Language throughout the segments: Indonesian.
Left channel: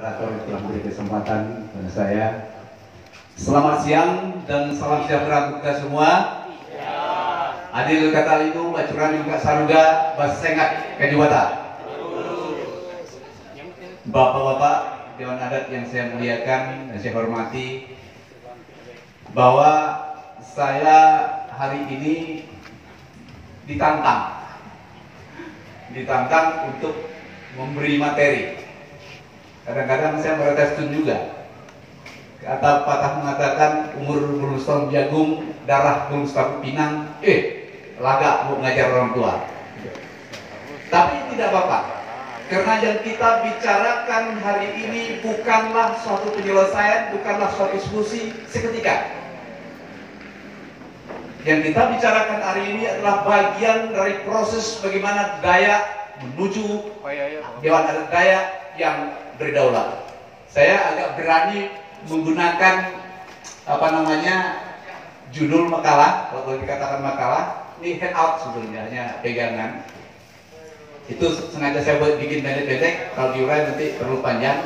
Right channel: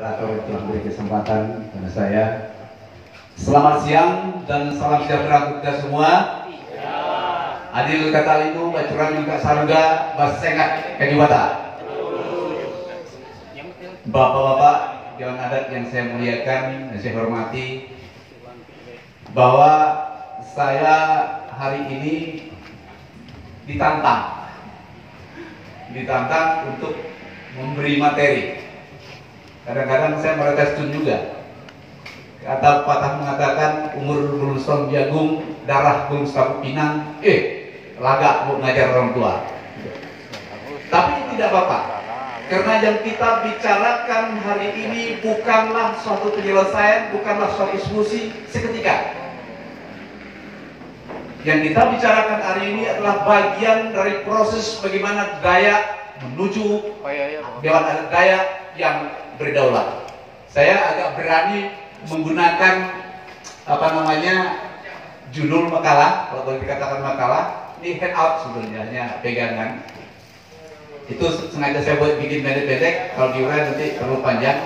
moderator telah memberi kesempatan kepada saya. Selamat siang dan salam sejahtera untuk kita semua. Adil kata itu, bacuran juga saruga, basengat kadiwata. Bapak-bapak Dewan Adat yang saya muliakan dan saya hormati, bahwa saya hari ini ditantang untuk memberi materi. Kadang-kadang saya merasa juga. Kata patah mengatakan umur belum setahun jagung, darah belum setahun pinang, laga mau ngajar orang tua. Tapi tidak apa-apa, karena yang kita bicarakan hari ini bukanlah suatu penyelesaian, bukanlah suatu solusi seketika. Yang kita bicarakan hari ini adalah bagian dari proses bagaimana Dayak menuju Dewan Adat Dayak yang berdaulat. Saya agak berani menggunakan judul makalah. Kalau boleh dikatakan makalah, ini head out sebenarnya, hanya pegangan. Itu sengaja saya buat bikin pendek-pendek. Kalau diurai nanti terlalu panjang,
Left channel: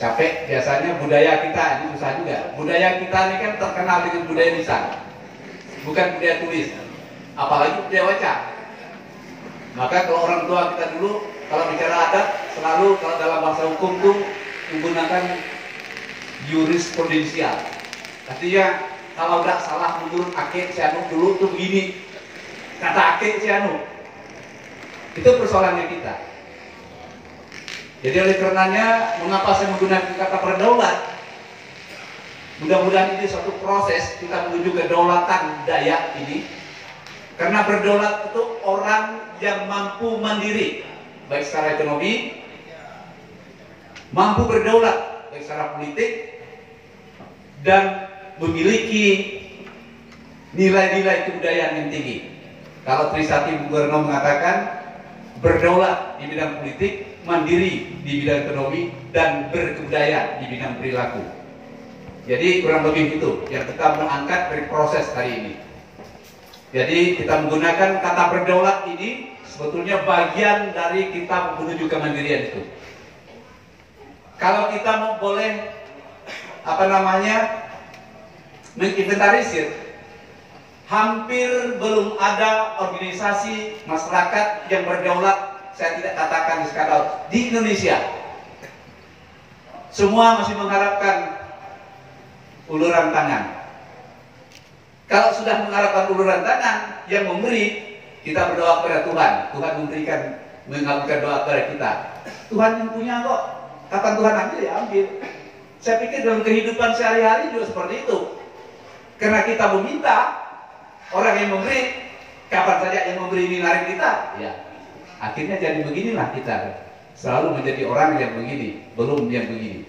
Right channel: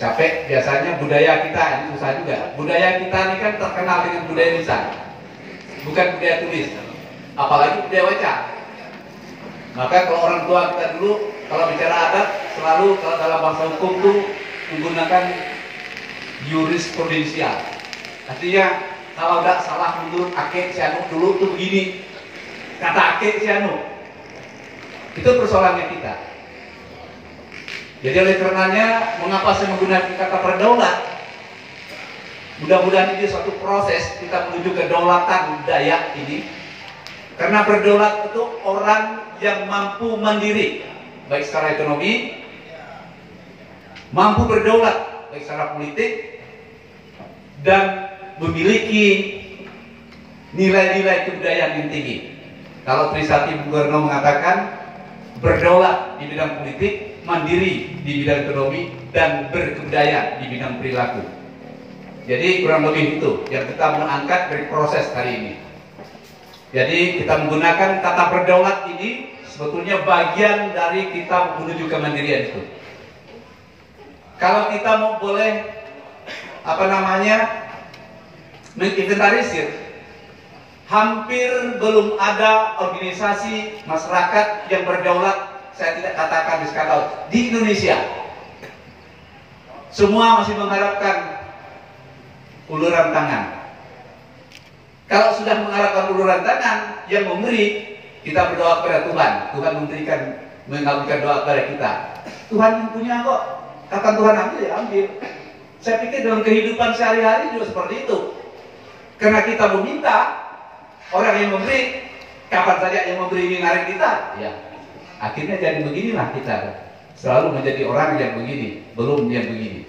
capek. Biasanya budaya kita ini susah juga. Budaya kita ini kan terkenal dengan budaya lisan, bukan budaya tulis, apalagi budaya baca. Maka kalau orang tua kita dulu kalau bicara adat selalu kalau dalam bahasa hukum itu menggunakan jurisprudensial. Artinya kalau tidak salah menurut Akek Cianu dulu tuh begini, kata Akek Cianu. Itu persoalannya kita. Jadi oleh karenanya mengapa saya menggunakan kata berdaulat? Mudah-mudahan ini suatu proses kita menuju kedaulatan Dayak ini. Karena berdaulat itu orang yang mampu mandiri, baik secara ekonomi, mampu berdaulat, baik secara politik, dan memiliki nilai-nilai kebudayaan yang tinggi. Kalau Trisakti Bung Karno mengatakan berdaulat di bidang politik, mandiri di bidang ekonomi, dan berkebudayaan di bidang perilaku. Jadi kurang lebih itu yang kita mau angkat dari proses hari ini. Jadi kita menggunakan kata berdaulat ini sebetulnya bagian dari kita menuju kemandirian itu. Kalau kita mau boleh menginventarisir, hampir belum ada organisasi masyarakat yang berdaulat, saya tidak katakan di skala di Indonesia. Semua masih mengharapkan uluran tangan. Kalau sudah mengharapkan uluran tangan yang memberi, kita berdoa kepada Tuhan. Tuhan memberikan, mengabulkan doa kepada kita. Tuhan yang punya kok. Kata Tuhan ambil ya ambil. Saya pikir dalam kehidupan sehari-hari juga seperti itu. Karena kita meminta, orang yang memberi, kapan saja yang memberi ini narik kita, ya. Akhirnya jadi beginilah kita. Selalu menjadi orang yang begini, belum yang begini.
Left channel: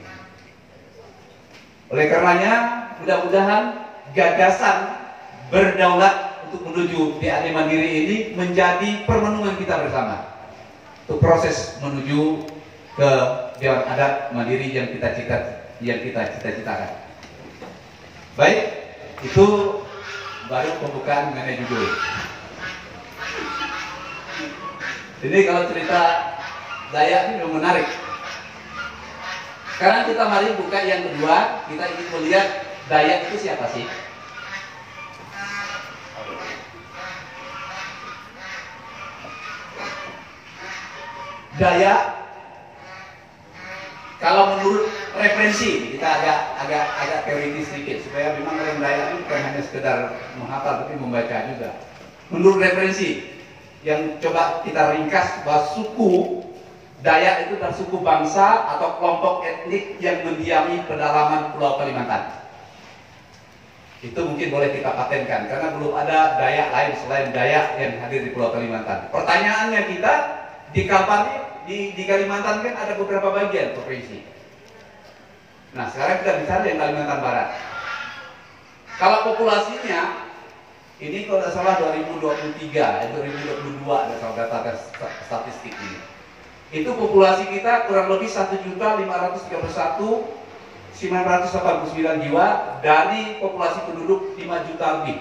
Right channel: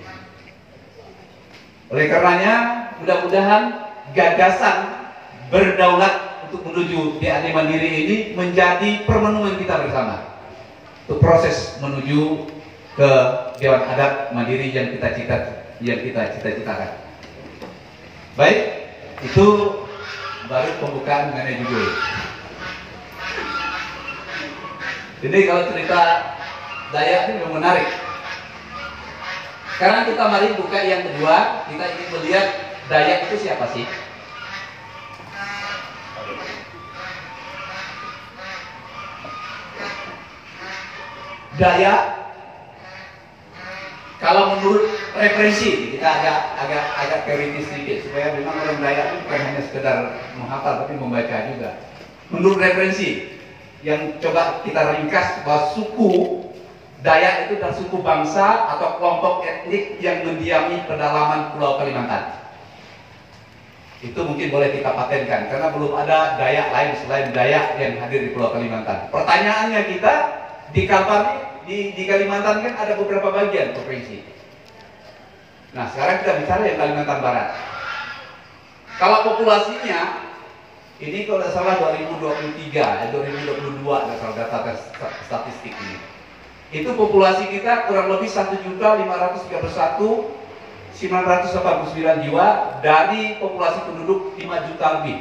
Oleh karenanya, mudah-mudahan gagasan berdaulat untuk menuju DAD mandiri ini menjadi permenungan kita bersama. Untuk proses menuju ke Dewan Adat Mandiri yang kita cita-citakan. Baik, itu baru pembukaan mengenai judul. Ini kalau cerita Dayak ini memang menarik. Sekarang kita mari buka yang kedua. Kita ingin melihat Dayak itu siapa sih? Dayak, kalau menurut referensi, kita agak teoritis sedikit supaya memang orang Dayak itu bukan hanya sekedar menghafal tapi membaca juga. Menurut referensi yang coba kita ringkas bahwa suku Dayak itu adalah suku bangsa atau kelompok etnik yang mendiami pedalaman Pulau Kalimantan. Itu mungkin boleh kita patenkan karena belum ada Dayak lain selain Dayak yang hadir di Pulau Kalimantan. Pertanyaannya kita di Kalpar di Kalimantan kan ada beberapa bagian provinsi. Nah sekarang kita bicara yang Kalimantan Barat. Kalau populasinya ini kalau tidak salah 2023, 2022 ada salah data statistik ini. Itu populasi kita kurang lebih 1.531.989 jiwa dari populasi penduduk 5 juta lebih.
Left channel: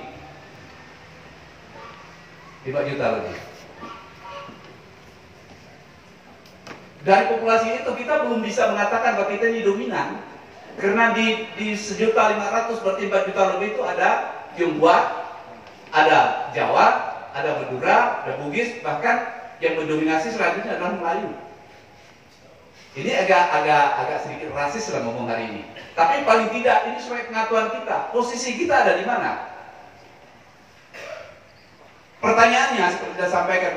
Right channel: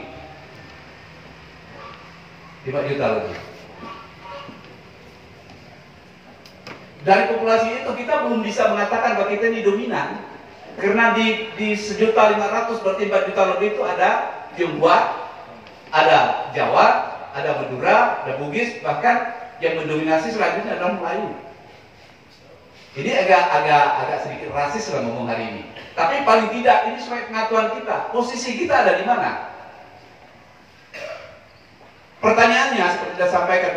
5 juta lebih. Dari populasi itu kita belum bisa mengatakan bahwa kita ini dominan. Karena di 1.500.000 berarti 4 juta lebih itu ada Tionghoa, ada Jawa, ada Madura, ada Bugis, bahkan yang mendominasi selanjutnya adalah Melayu. Ini agak sedikit rasis lah ngomong hari ini. Tapi paling tidak ini sebagai pengetahuan kita. Posisi kita ada di mana? Pertanyaannya seperti sudah sampaikan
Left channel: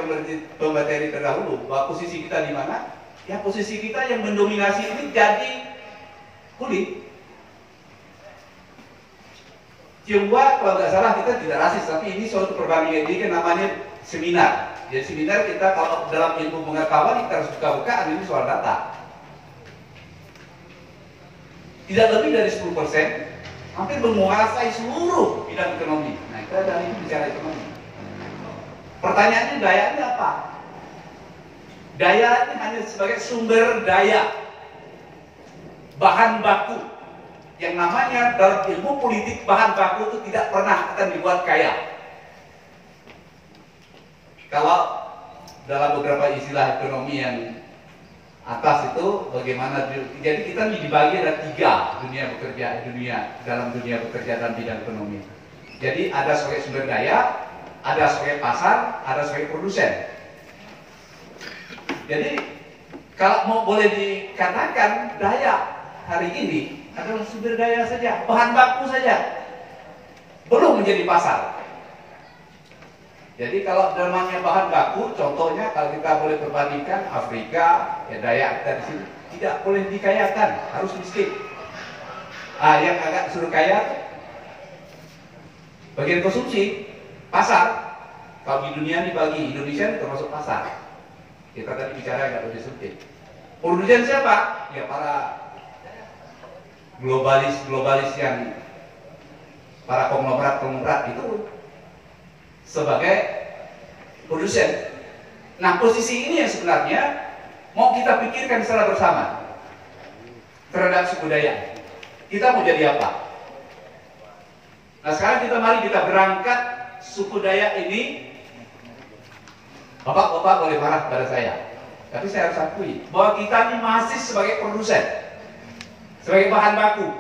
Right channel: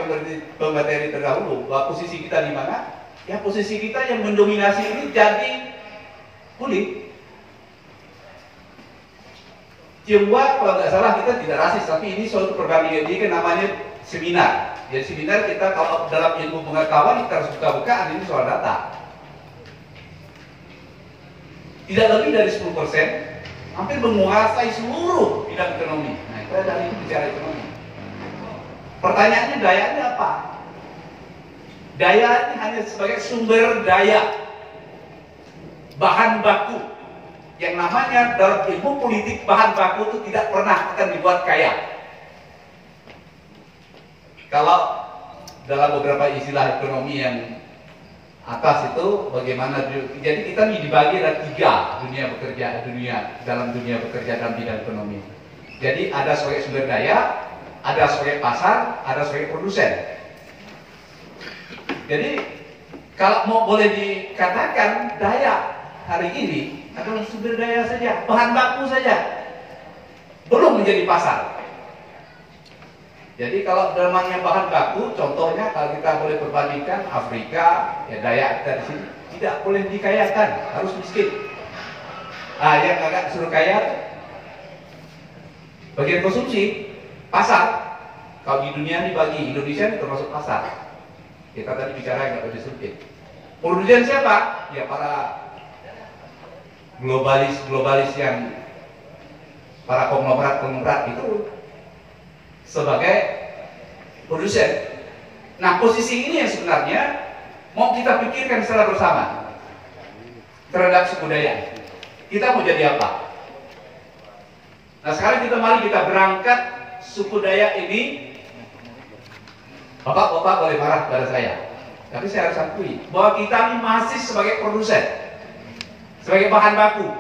pemateri terdahulu, bahwa posisi kita di mana? Ya posisi kita yang mendominasi ini jadi kulit. Tionghoa kalau nggak salah kita tidak rasis, tapi ini suatu perbandingan ini kan namanya seminar. Jadi seminar kita kalau dalam ilmu pengetahuan kita harus buka-buka, ini soal data. Tidak lebih dari 10%, hampir menguasai seluruh bidang ekonomi. Nah, kita dari bicara ekonomi. Pertanyaannya dayanya apa? Daya ini hanya sebagai sumber daya, bahan baku. Yang namanya dalam ilmu politik bahan baku itu tidak pernah akan dibuat kaya. Kalau dalam beberapa istilah ekonomi yang atas itu bagaimana, jadi kita dibagi ada 3 dalam dunia bekerja dalam bidang ekonomi. Jadi ada sebagai sumber daya, ada sebagai pasar, ada sebagai produsen. Jadi kalau mau boleh dikatakan daya hari ini adalah sumber daya saja, bahan baku saja, belum menjadi pasar. Jadi kalau namanya bahan baku, contohnya kalau kita boleh perbandingkan Afrika, ya daya kita di sini tidak boleh dikayakan, harus miskin. Yang agak suruh kaya, bagian konsumsi, pasar. Kalau di dunia dibagi, Indonesia termasuk pasar. Kita tadi bicara nggak boleh sempit. Produsen siapa? Ya para globalis yang para konglomerat itu sebagai produsen. Nah, posisi ini yang sebenarnya mau kita pikirkan secara bersama terhadap suku daya. Kita mau jadi apa? Nah, sekarang mari kita berangkat suku daya ini. Bapak boleh marah pada saya, tapi saya harus akui bahwa kita ini masih sebagai produsen, sebagai bahan baku,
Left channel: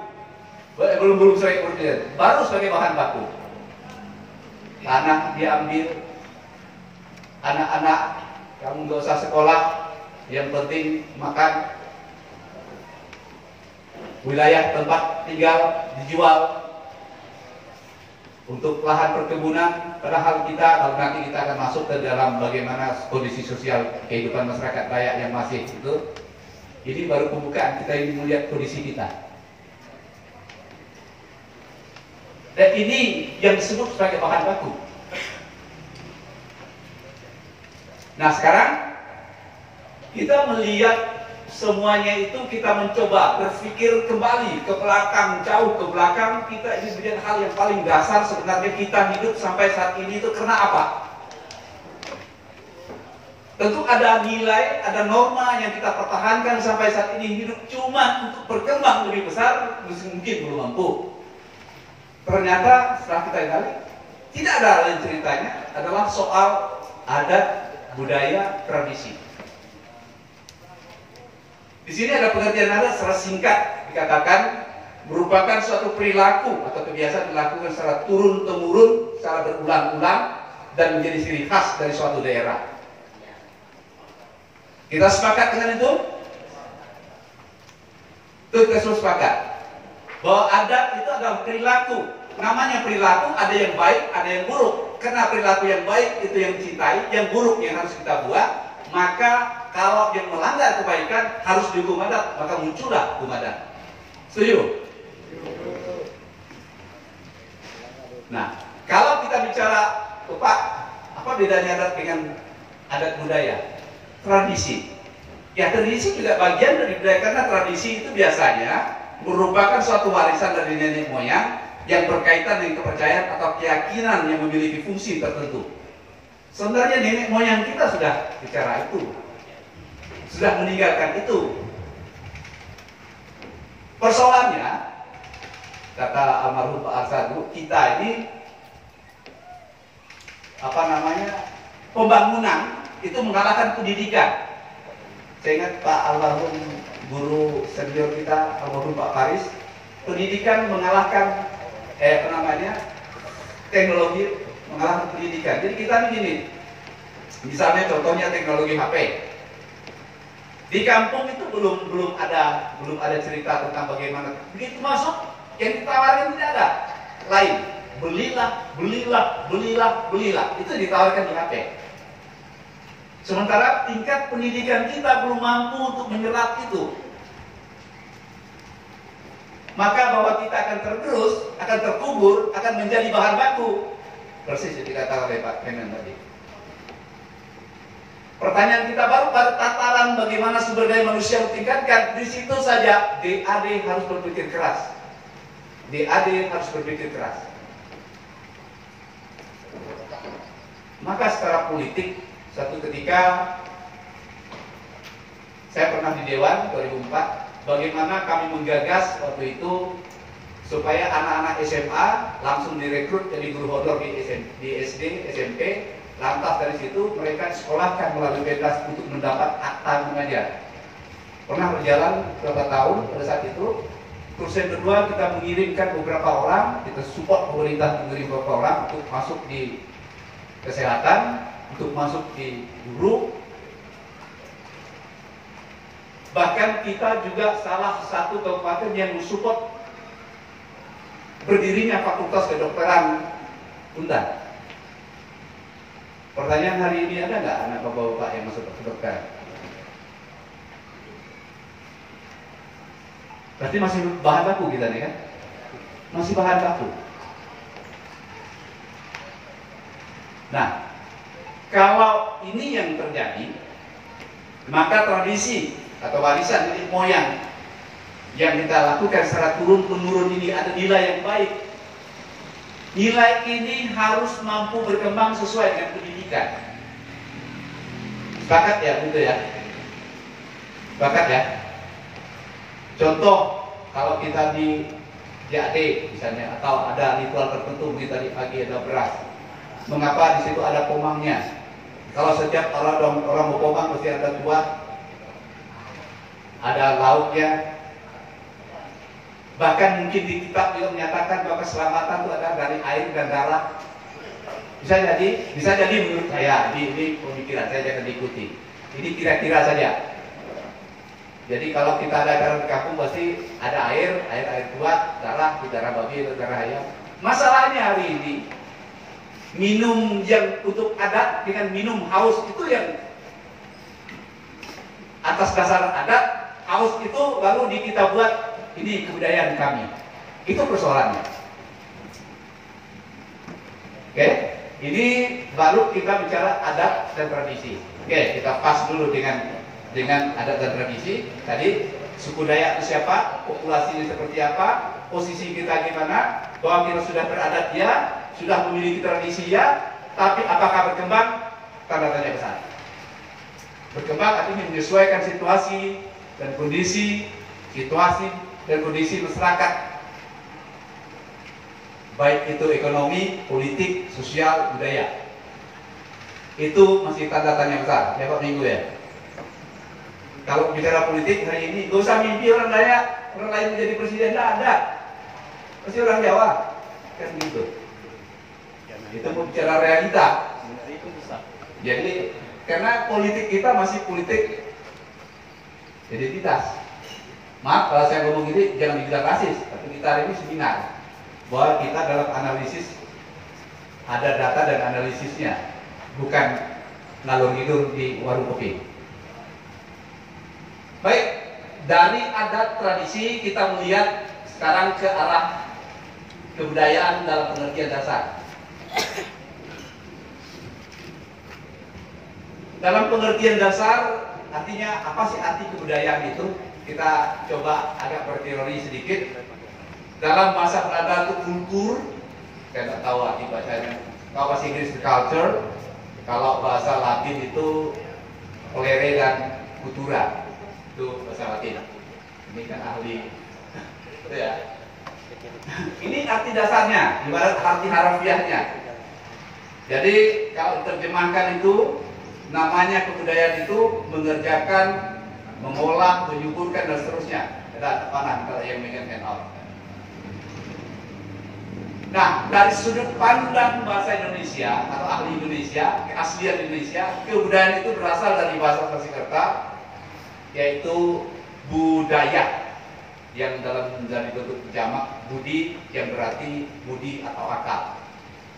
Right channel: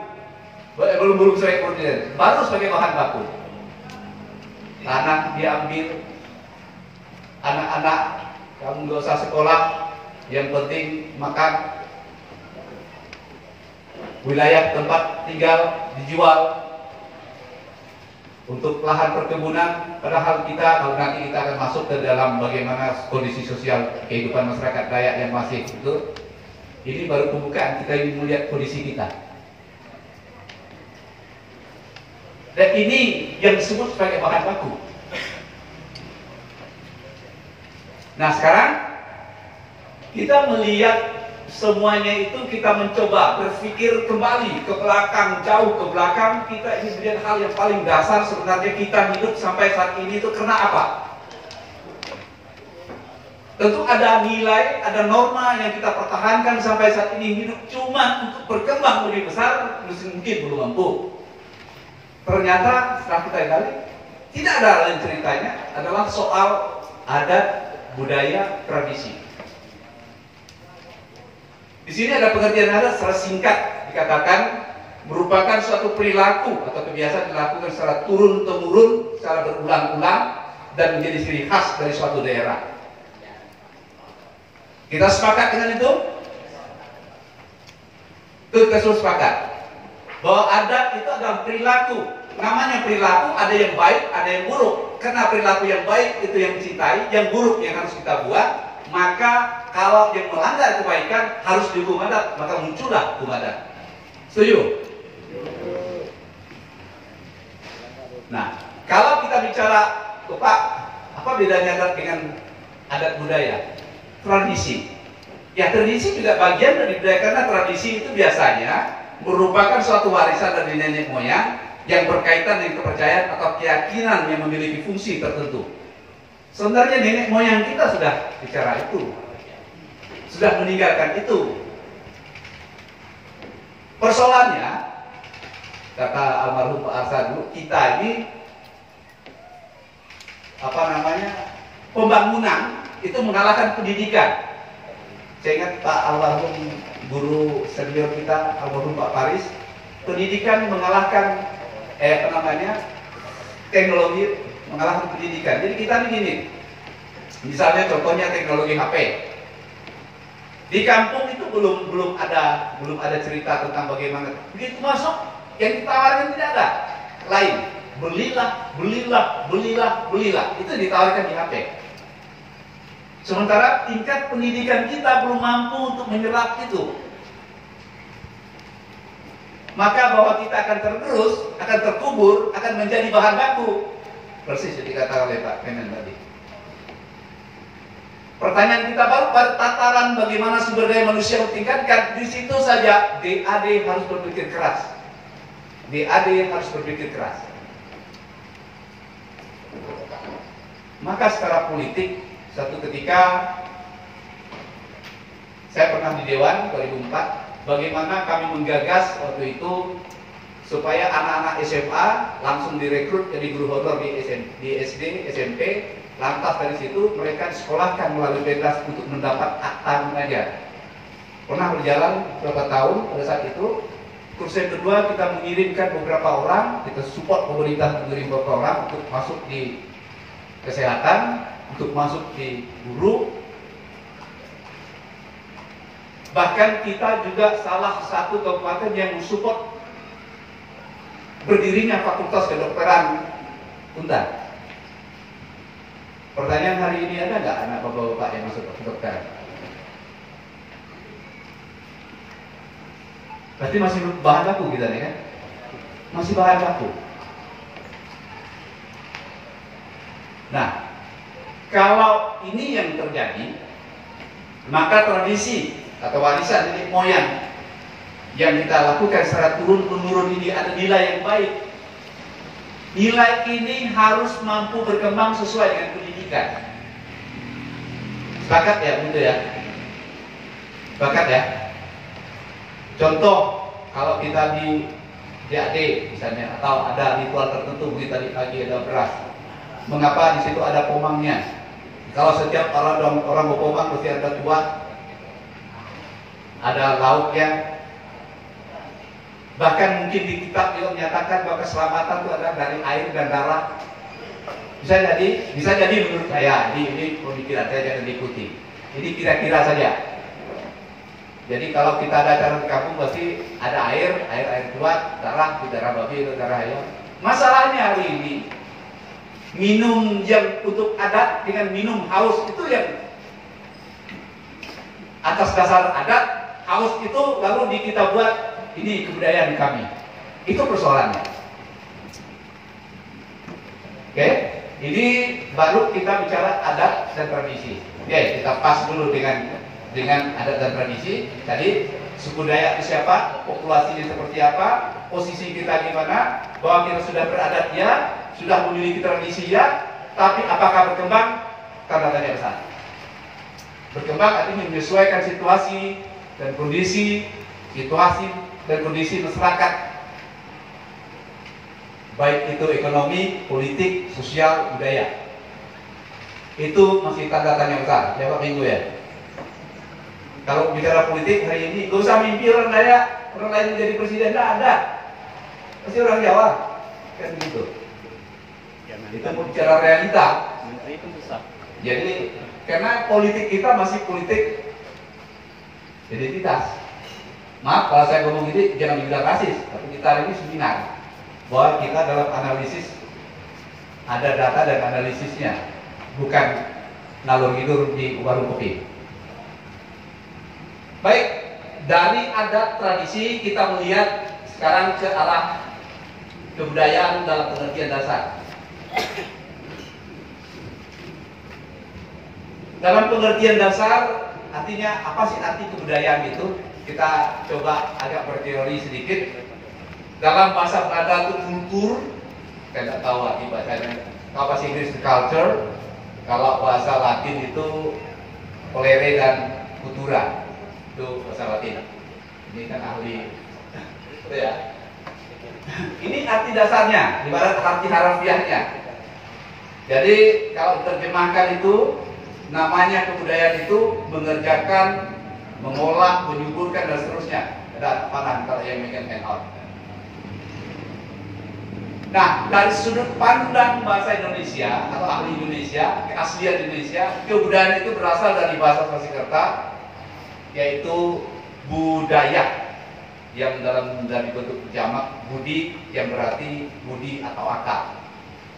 belum sebagai produsen, baru sebagai bahan baku. Tanah diambil, anak-anak kamu nggak usah sekolah, yang penting makan, wilayah tempat tinggal dijual untuk lahan perkebunan. Padahal kalau nanti kita akan masuk ke dalam bagaimana kondisi sosial kehidupan masyarakat Dayak yang masih itu, ini baru pembukaan, kita ingin melihat kondisi kita. Dan ini yang disebut sebagai bahan baku. Nah, sekarang kita melihat semuanya itu, kita mencoba berpikir kembali ke belakang, jauh ke belakang. Kita ingin melihat hal yang paling dasar sebenarnya kita hidup sampai saat ini itu karena apa? Tentu ada nilai, ada norma yang kita pertahankan sampai saat ini. Hidup cuma untuk berkembang lebih besar, mungkin belum mampu. Ternyata setelah kita gali, tidak ada lain ceritanya, adalah soal adat, budaya, tradisi. Di sini ada pengertian adat secara singkat dikatakan merupakan suatu perilaku atau kebiasaan dilakukan secara turun-temurun, secara berulang-ulang dan menjadi ciri khas dari suatu daerah. Kita sepakat dengan itu? Kita semua sepakat bahwa adat itu adalah perilaku. Namanya perilaku, ada yang baik, ada yang buruk. Karena perilaku yang baik itu yang dicintai, yang buruk yang harus kita buat. Maka kalau yang melanggar kebaikan harus dihukum adat, maka muncullah hukum adat. Setuju? Nah, kalau kita bicara, Pak, apa bedanya adat dengan adat budaya? Tradisi. Ya, tradisi juga bagian dari budaya, karena tradisi itu biasanya merupakan suatu warisan dari nenek moyang yang berkaitan dengan kepercayaan atau keyakinan yang memiliki fungsi tertentu. Sebenarnya nenek moyang kita sudah bicara itu, sudah meninggalkan itu. Persoalannya, kata almarhum Pak Arsadu, kita ini pembangunan itu mengalahkan pendidikan. Saya ingat Pak almarhum guru senior kita, almarhum Pak Faris, pendidikan mengalahkan teknologi mengalahkan pendidikan. Jadi kita begini, misalnya contohnya teknologi HP. Di kampung itu belum ada cerita tentang bagaimana. Begitu masuk, yang ditawarkan tidak ada. Lain, belilah. Itu ditawarkan di HP. Sementara tingkat pendidikan kita belum mampu untuk menyerap itu. Maka bahwa kita akan tergerus, akan terkubur, akan menjadi bahan baku. Persis yang dikatakan oleh Pak Kemen tadi. Pertanyaan kita baru pada tataran bagaimana sumber daya manusia ditingkatkan. Di situ saja DAD harus berpikir keras. Maka secara politik, satu ketika saya pernah di Dewan 2004, bagaimana kami menggagas waktu itu supaya anak-anak SMA langsung direkrut jadi guru honor di SD, SMP. Lantas dari situ mereka disekolahkan melalui Pedras untuk mendapat akta mengajar. Pernah berjalan beberapa tahun pada saat itu. Terus yang kedua kita mengirimkan beberapa orang, kita support pemerintah mengirim beberapa orang untuk masuk di kesehatan, untuk masuk di guru. Bahkan kita juga salah satu kabupaten yang mensupport berdirinya Fakultas Kedokteran Undan. Pertanyaan hari ini, ada nggak anak bapak-bapak yang masuk kedokteran? Berarti masih bahan baku kita nih kan? Masih bahan baku. Nah, kalau ini yang terjadi, maka tradisi atau warisan nenek moyang yang kita lakukan secara turun-menurun ini ada nilai yang baik. Nilai ini harus mampu berkembang sesuai dengan pendidikan. Sepakat ya, begitu ya? Sepakat ya? Contoh, kalau kita di JAD misalnya, atau ada ritual tertentu, begitu tadi pagi ada beras. Mengapa di situ ada pomangnya? Kalau setiap orang mau pomang mesti ada tuak, ada lauknya. Bahkan mungkin di kitab juga menyatakan bahwa keselamatan itu ada dari air dan darah. Bisa jadi menurut saya, ini pemikiran saya, jangan diikuti. Ini kira-kira saja. Jadi kalau kita ada acara di kampung pasti ada air kuat, darah babi atau darah ayam. Masalahnya hari ini, minum yang untuk adat dengan minum haus itu yang atas dasar adat, haus itu lalu kita buat ini kebudayaan kami. Itu persoalannya. Oke, ini baru kita bicara adat dan tradisi. Oke, kita pas dulu dengan adat dan tradisi. Tadi suku Dayak itu siapa, populasinya seperti apa, posisi kita gimana, bahwa kita sudah beradat ya, sudah memiliki tradisi ya, tapi apakah berkembang? Tanda tanya besar. Berkembang artinya menyesuaikan situasi dan kondisi masyarakat, baik itu ekonomi, politik, sosial, budaya. Itu masih tanda tanya besar, ya Pak Minggu ya. Kalau bicara politik hari ini, gak usah mimpi orang Dayak, orang lain menjadi presiden, tidak ada. Pasti orang Jawa, kan gitu. Itu mau bicara realita. Jadi, karena politik kita masih politik identitas. Maaf kalau saya ngomong ini jangan dibilang rasis, tapi kita hari ini seminar bahwa kita dalam analisis ada data dan analisisnya, bukan ngalur ngidur di warung kopi. Baik, dari adat tradisi kita melihat sekarang ke arah kebudayaan dalam pengertian dasar. Dalam pengertian dasar artinya apa sih arti kebudayaan itu? Kita coba agak berteori sedikit. Dalam bahasa Belanda itu kultur, saya tidak tahu arti bahasanya. Kalau bahasa Inggris culture, kalau bahasa Latin itu colere dan cultura, itu bahasa Latin. Ini kan ahli, itu ya. Ini arti dasarnya, ibarat arti harafiahnya. Jadi kalau diterjemahkan itu, namanya kebudayaan itu mengerjakan mengolah, menyuburkan dan seterusnya. Ada pangan kalau yang making and out. Nah, dari sudut pandang bahasa Indonesia atau ahli Indonesia, keaslian Indonesia, kebudayaan itu berasal dari bahasa Sanskerta, yaitu budaya, yang dari bentuk jamak budi, yang berarti budi atau akal.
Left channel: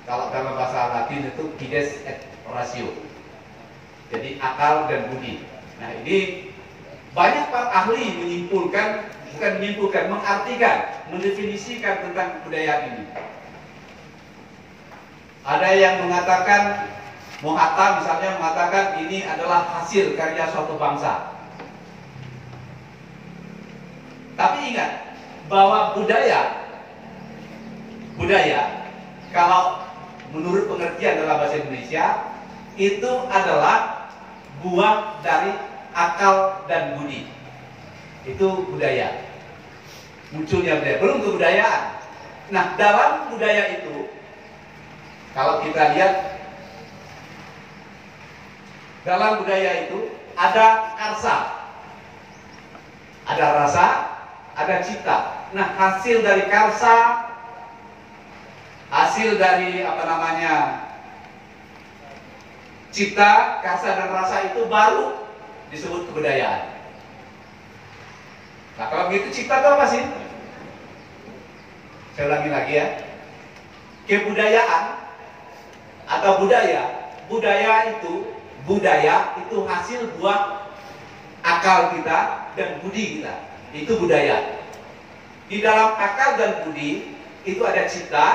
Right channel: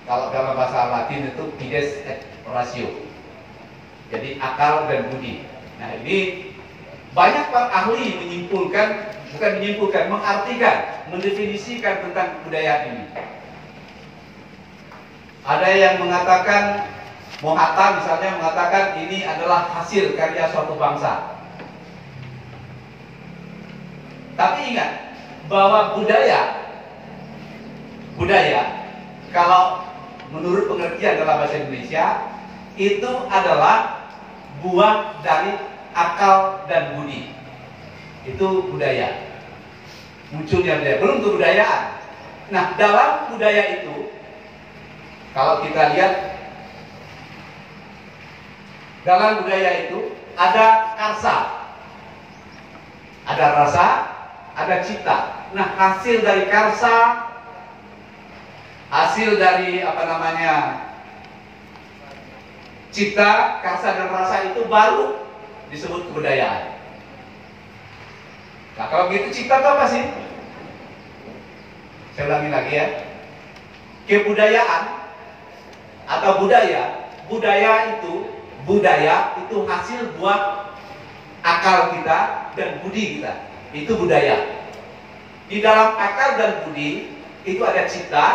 Kalau dalam bahasa Latin itu fides et ratio, jadi akal dan budi. Nah, ini banyak para ahli menyimpulkan, bukan menyimpulkan, mengartikan, mendefinisikan tentang kebudayaan ini. Ada yang mengatakan, Mohatta misalnya mengatakan ini adalah hasil karya suatu bangsa. Tapi ingat bahwa budaya kalau menurut pengertian dalam bahasa Indonesia itu adalah buah dari akal dan budi. Itu budaya. Munculnya budaya, belum kebudayaan. Nah, dalam budaya itu kalau kita lihat, dalam budaya itu ada karsa, ada rasa, ada cita. Nah, hasil dari karsa, hasil dari cita, karsa dan rasa itu baru disebut kebudayaan. Nah, kalau begitu cita itu apa sih? Saya ulangi lagi ya. Kebudayaan atau budaya itu hasil buah akal kita dan budi kita. Itu budaya. Di dalam akal dan budi itu ada cita,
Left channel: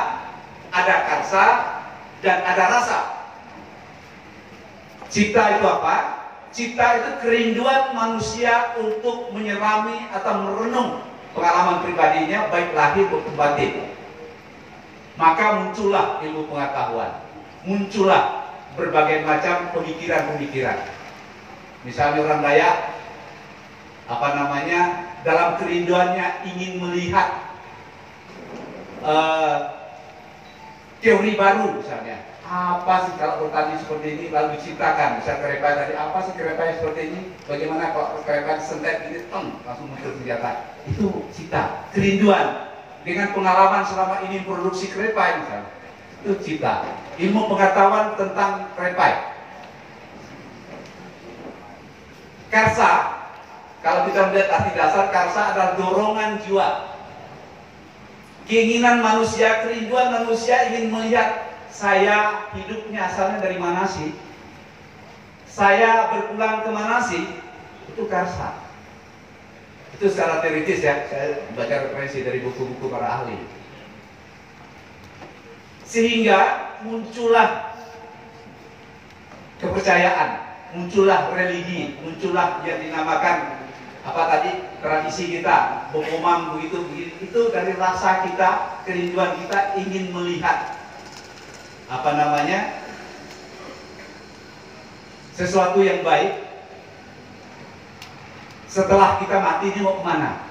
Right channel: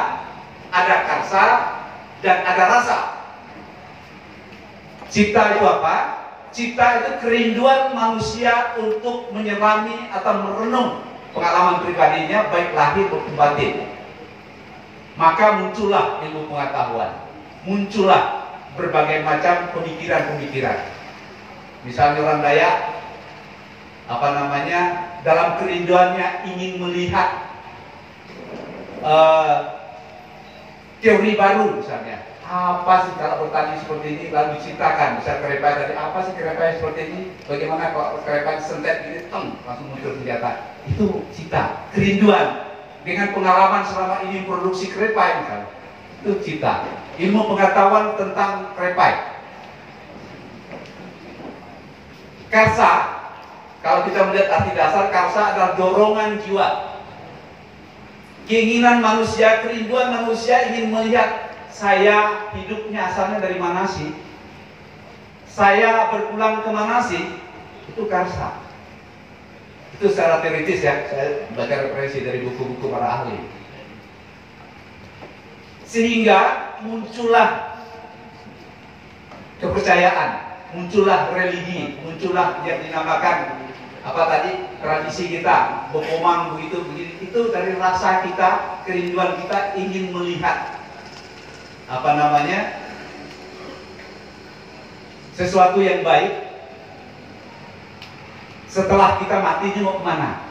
ada karsa, dan ada rasa. Cita itu apa? Cita itu kerinduan manusia untuk menyelami atau merenung pengalaman pribadinya, baik lahir maupun batin. Maka muncullah ilmu pengetahuan, muncullah berbagai macam pemikiran-pemikiran. Misalnya orang Dayak, dalam kerinduannya ingin melihat teori baru misalnya. Apa sih kalau bertani seperti ini, lalu diciptakan. Misal kerepai tadi, apa sih kerepai seperti ini? Bagaimana kalau kerepai sentet ini, langsung muncul senjata. Itu cita, kerinduan. Dengan pengalaman selama ini produksi kerepai misalnya. Itu cita. Ilmu pengetahuan tentang kerepai. Karsa, kalau kita melihat arti dasar, karsa adalah dorongan jiwa. Keinginan manusia, kerinduan manusia ingin melihat, saya hidupnya asalnya dari mana sih? Saya berpulang ke mana sih? Itu karsa. Itu secara teoritis ya, saya baca referensi dari buku-buku para ahli. Sehingga muncullah kepercayaan, muncullah religi, muncullah yang dinamakan tradisi kita, bokomang begitu. Itu dari rasa kita, kerinduan kita ingin melihat sesuatu yang baik. Setelah kita mati ini mau kemana?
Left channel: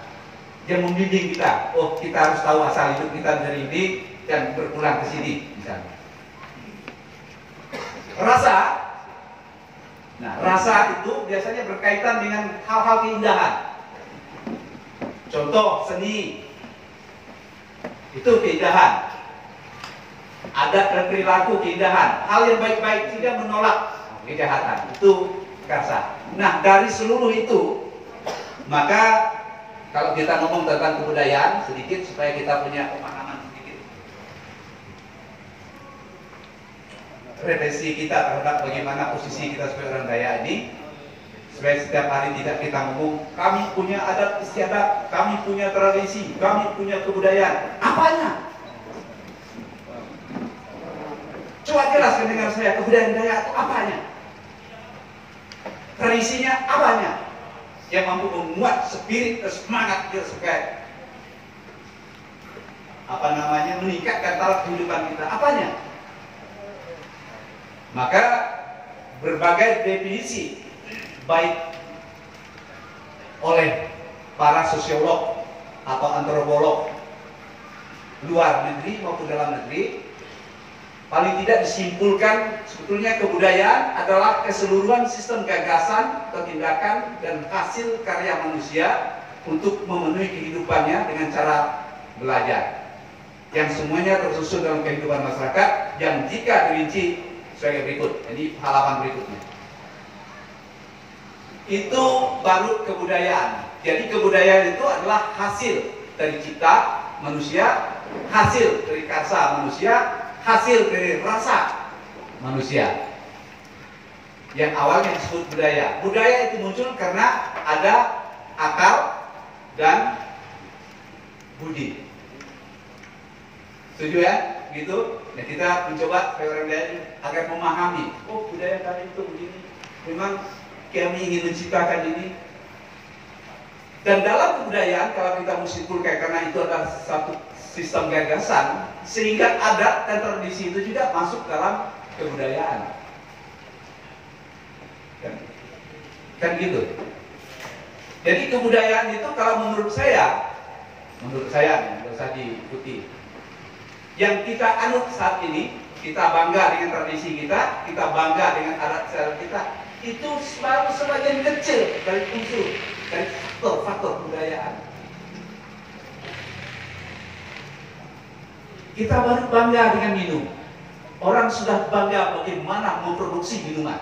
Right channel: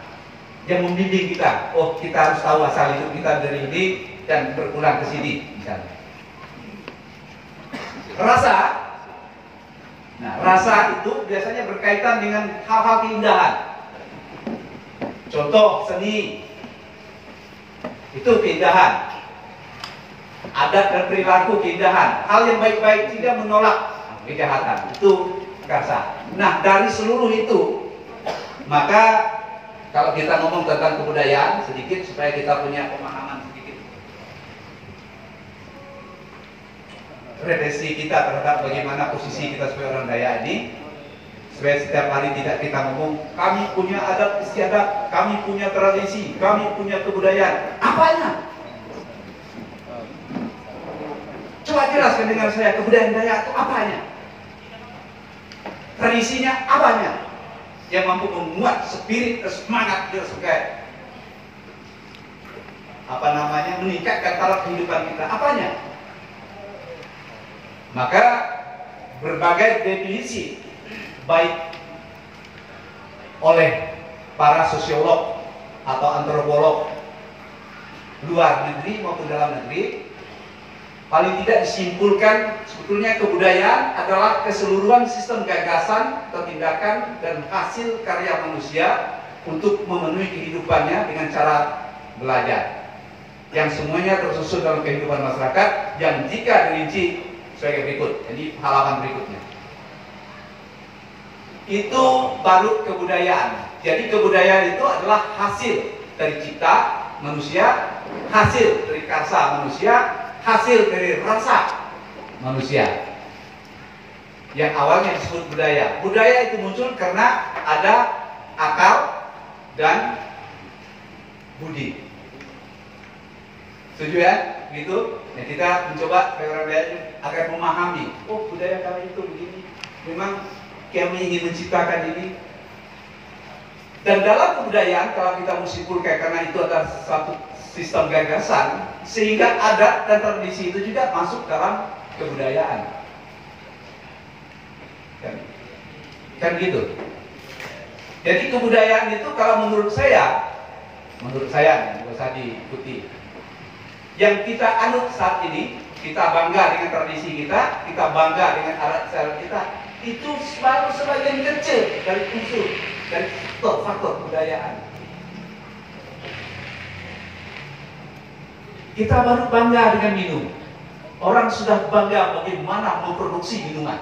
Yang membimbing kita, oh kita harus tahu asal hidup kita dari ini dan berpulang ke sini misalnya. Rasa, rasa itu biasanya berkaitan dengan hal-hal keindahan. Contoh seni, itu keindahan. Adat dan perilaku keindahan, hal yang baik-baik, tidak menolak kejahatan, itu karsa. Nah, dari seluruh itu, maka kalau kita ngomong tentang kebudayaan sedikit supaya kita punya pemahaman sedikit, refleksi kita terhadap bagaimana posisi kita sebagai orang Dayak ini, supaya setiap hari tidak kita ngomong kami punya adat istiadat, kami punya tradisi, kami punya kebudayaan. Apanya? Coba jelaskan dengan saya, kebudayaan Dayak itu apanya? Tradisinya apanya? Yang mampu memuat spirit, semangat dia sebagai meningkatkan taraf kehidupan kita. Apanya? Maka berbagai definisi baik oleh para sosiolog atau antropolog luar negeri maupun dalam negeri paling tidak disimpulkan sebetulnya kebudayaan adalah keseluruhan sistem gagasan, tindakan, dan hasil karya manusia untuk memenuhi kehidupannya dengan cara belajar, yang semuanya tersusun dalam kehidupan masyarakat yang jika dirinci sebagai berikut. Jadi halaman berikutnya itu baru kebudayaan. Jadi kebudayaan itu adalah hasil dari cipta manusia, hasil dari karsa manusia, hasil dari rasa manusia, yang awalnya disebut budaya. Budaya itu muncul karena ada akal dan budi. Setuju ya? Gitu. Ya, kita mencoba agar memahami, oh budaya kami itu begini, memang kami ingin menciptakan ini. Dan dalam kebudayaan, kalau kita menyimpulkan karena itu adalah satu sistem gagasan, sehingga adat dan tradisi itu juga masuk dalam kebudayaan. Kan gitu. Jadi kebudayaan itu kalau menurut saya nggak usah diikuti. Yang kita anut saat ini, kita bangga dengan tradisi kita, kita bangga dengan adat istiadat kita, itu selalu sebagian kecil dari unsur, dari faktor kebudayaan. Kita baru bangga dengan minum. Orang sudah bangga bagaimana memproduksi minuman.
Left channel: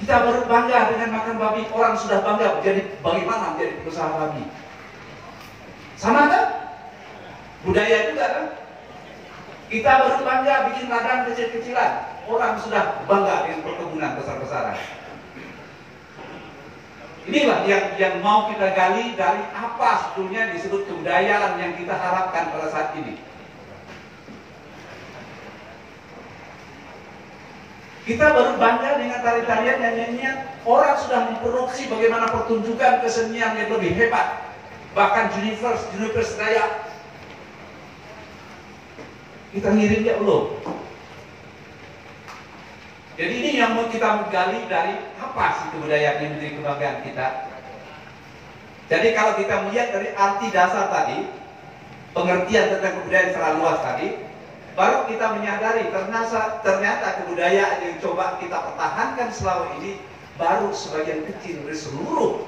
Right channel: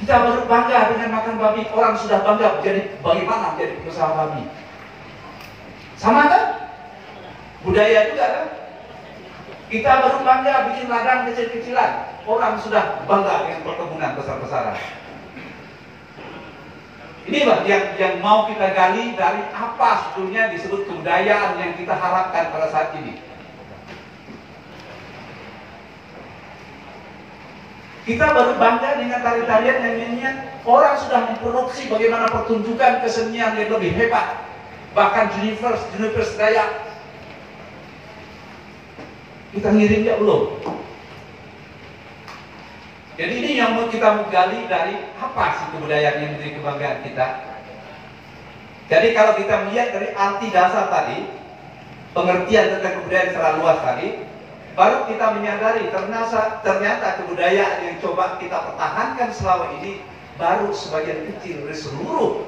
Kita baru bangga dengan makan babi. Orang sudah bangga bagaimana menjadi pengusaha babi. Sama kan? Budaya juga kan? Kita baru bangga bikin ladang kecil-kecilan. Orang sudah bangga dengan perkebunan besar-besaran. Inilah yang mau kita gali dari apa sebetulnya disebut kebudayaan yang kita harapkan pada saat ini. Kita baru bangga dengan tari-tarian yang nyanyian. Orang sudah memproduksi bagaimana pertunjukan kesenian yang lebih hebat. Bahkan Universe Dayak. Kita ngirim ya belum? Jadi ini yang mau kita gali dari apa sih kebudayaan yang menjadi kebanggaan kita. Jadi kalau kita melihat dari arti dasar tadi, pengertian tentang kebudayaan secara luas tadi, baru kita menyadari ternyata kebudayaan yang coba kita pertahankan selama ini baru sebagian kecil dari seluruh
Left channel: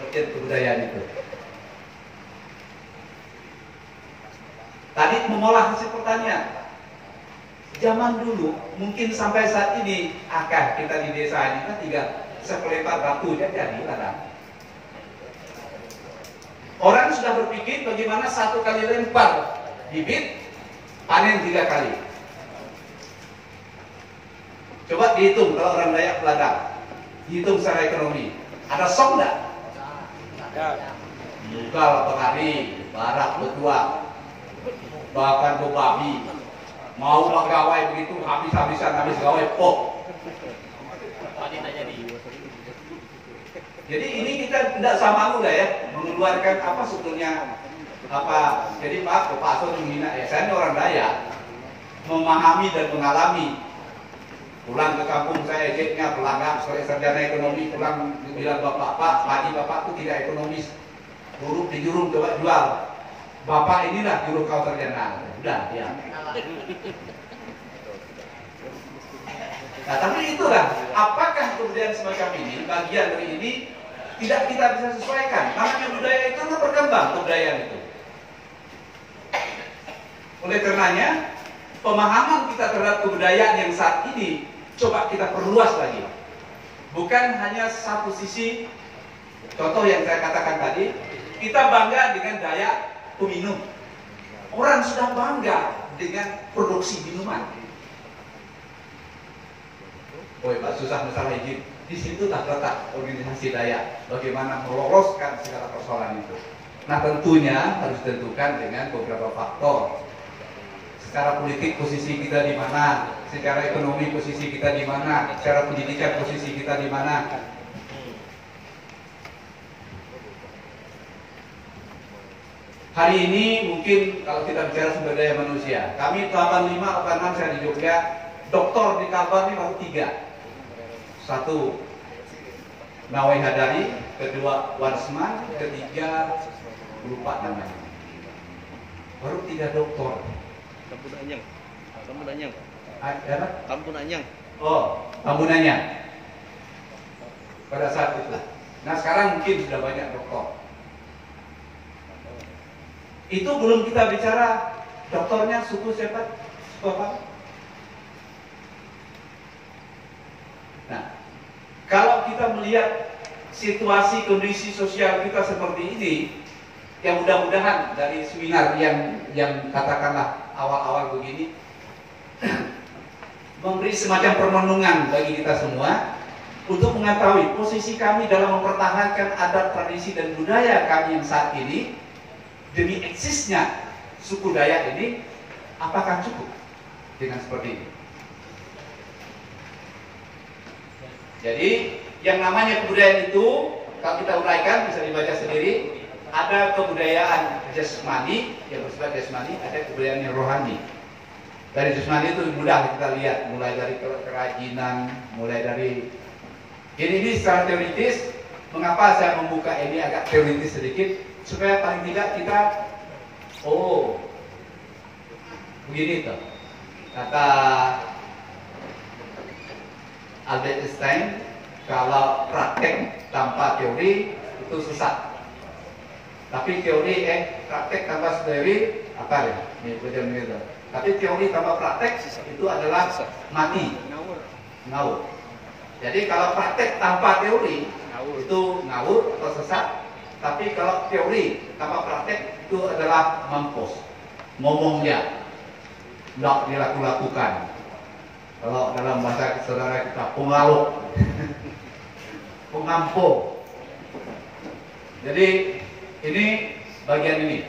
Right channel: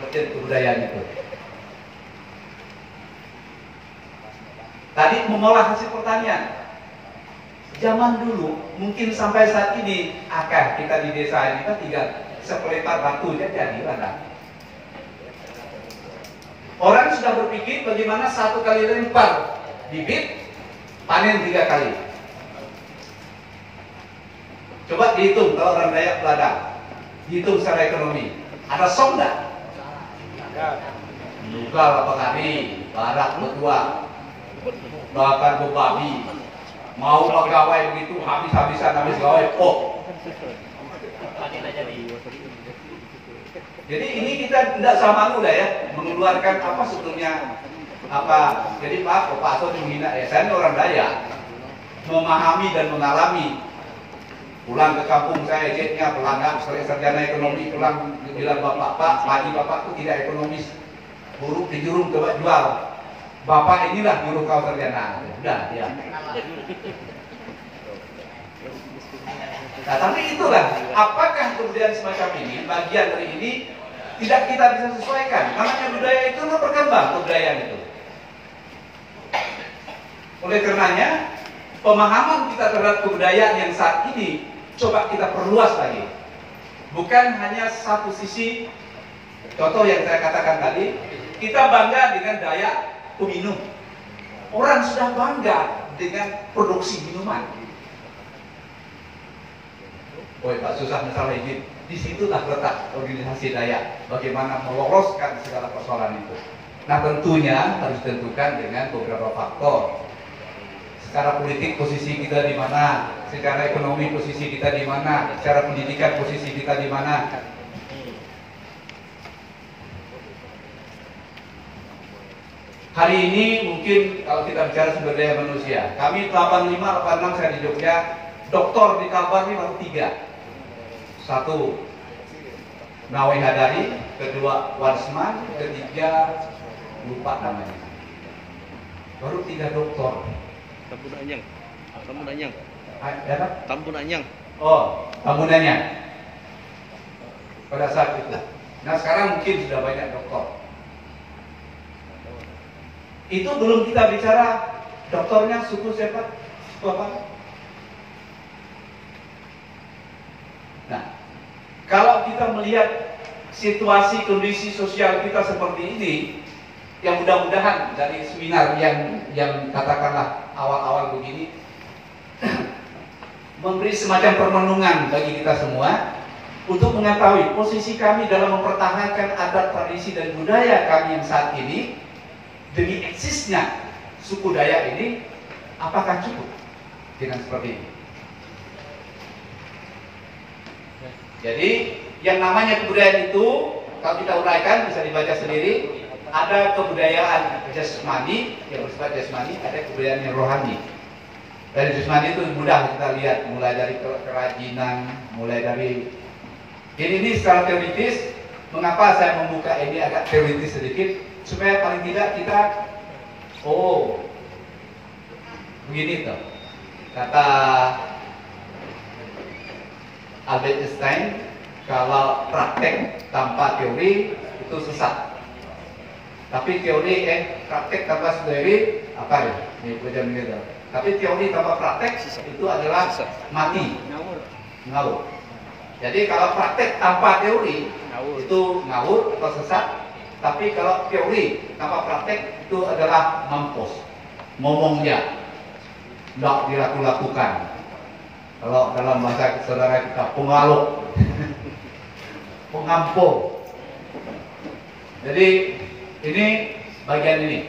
bagian kebudayaan itu. Tadi mengolah hasil pertanian. Zaman dulu, mungkin sampai saat ini, kita di desa ini kan tinggal sepelepat batu jadi ladang. Orang sudah berpikir bagaimana satu kali lempar bibit, panen 3 kali. Coba dihitung kalau orang Dayak ladang, dihitung secara ekonomi. Ada song nggak? Nugal pengari, barak betua, bahkan bebabi. Mau pegawai begitu habis gawai pok. Jadi ini kita tidak sama mudah ya mengeluarkan apa sebetulnya apa. Jadi Pak Aswan menghina saya ini orang Dayak, memahami dan mengalami. Pulang ke kampung saya jetnya pelanggan sarjana ekonomi, pulang bilang bapak padi bapak itu tidak ekonomis, buruk di jurung coba jual. Bapak inilah juru kau sarjana. Udah ya. Nah, tapi itulah, apakah kemudian semacam ini, bagian dari ini tidak kita bisa sesuaikan? Namanya budaya itu berkembang, kebudayaan itu. Oleh karenanya, pemahaman kita terhadap kebudayaan yang saat ini coba kita perluas lagi. Bukan hanya satu sisi. Contoh yang saya katakan tadi, kita bangga dengan daya peminum. Orang sudah bangga dengan produksi minuman. Pak, susah masalah izin. Disitulah letak organisasi Dayak. Bagaimana meloloskan segala persoalan itu. Nah, tentunya harus ditentukan dengan beberapa faktor. Secara politik posisi kita di mana, secara ekonomi posisi kita di mana, secara pendidikan posisi kita di mana. Hari ini mungkin kalau kita bicara sumber daya manusia, kami 85, 86 saya di Jogja, doktor di Kalbar ini baru 3. 1 Nawai Hadari, kedua Warsman, ketiga lupa namanya. Baru 3 doktor. Tambun Anyang. Apa? Tambun Anyang. Oh, bangunannya pada saat itu. Nah sekarang mungkin sudah banyak dokter. Itu belum kita bicara dokternya suku siapa? Suku apa? Nah, kalau kita melihat situasi kondisi sosial kita seperti ini, yang mudah-mudahan dari seminar yang katakanlah awal-awal begini memberi semacam permenungan bagi kita semua untuk mengetahui posisi kami dalam mempertahankan adat, tradisi, dan budaya kami yang saat ini demi eksisnya suku Dayak ini, apakah cukup dengan seperti ini? Jadi yang namanya kebudayaan itu, kalau kita uraikan bisa dibaca sendiri, ada kebudayaan jasmani yang bersifat jasmani, ada kebudayaan yang rohani. Dari jasmani itu mudah kita lihat, mulai dari kerajinan, mulai dari ini secara teoritis. Mengapa saya membuka ini agak teoritis sedikit, supaya paling tidak kita begini tuh kata Albert Einstein, kalau praktek tanpa teori itu sesat. Tapi teori praktek tanpa teori apa ya? Ini beda gitu. Tapi teori tanpa praktek itu adalah mati, ngawur. Jadi kalau praktek tanpa teori itu ngawur atau sesat. Tapi kalau teori tanpa praktek itu adalah mampus, ngomongnya tidak dilakukan. Kalau dalam bahasa saudara kita pengaluk, pengampu. Jadi ini bagian ini.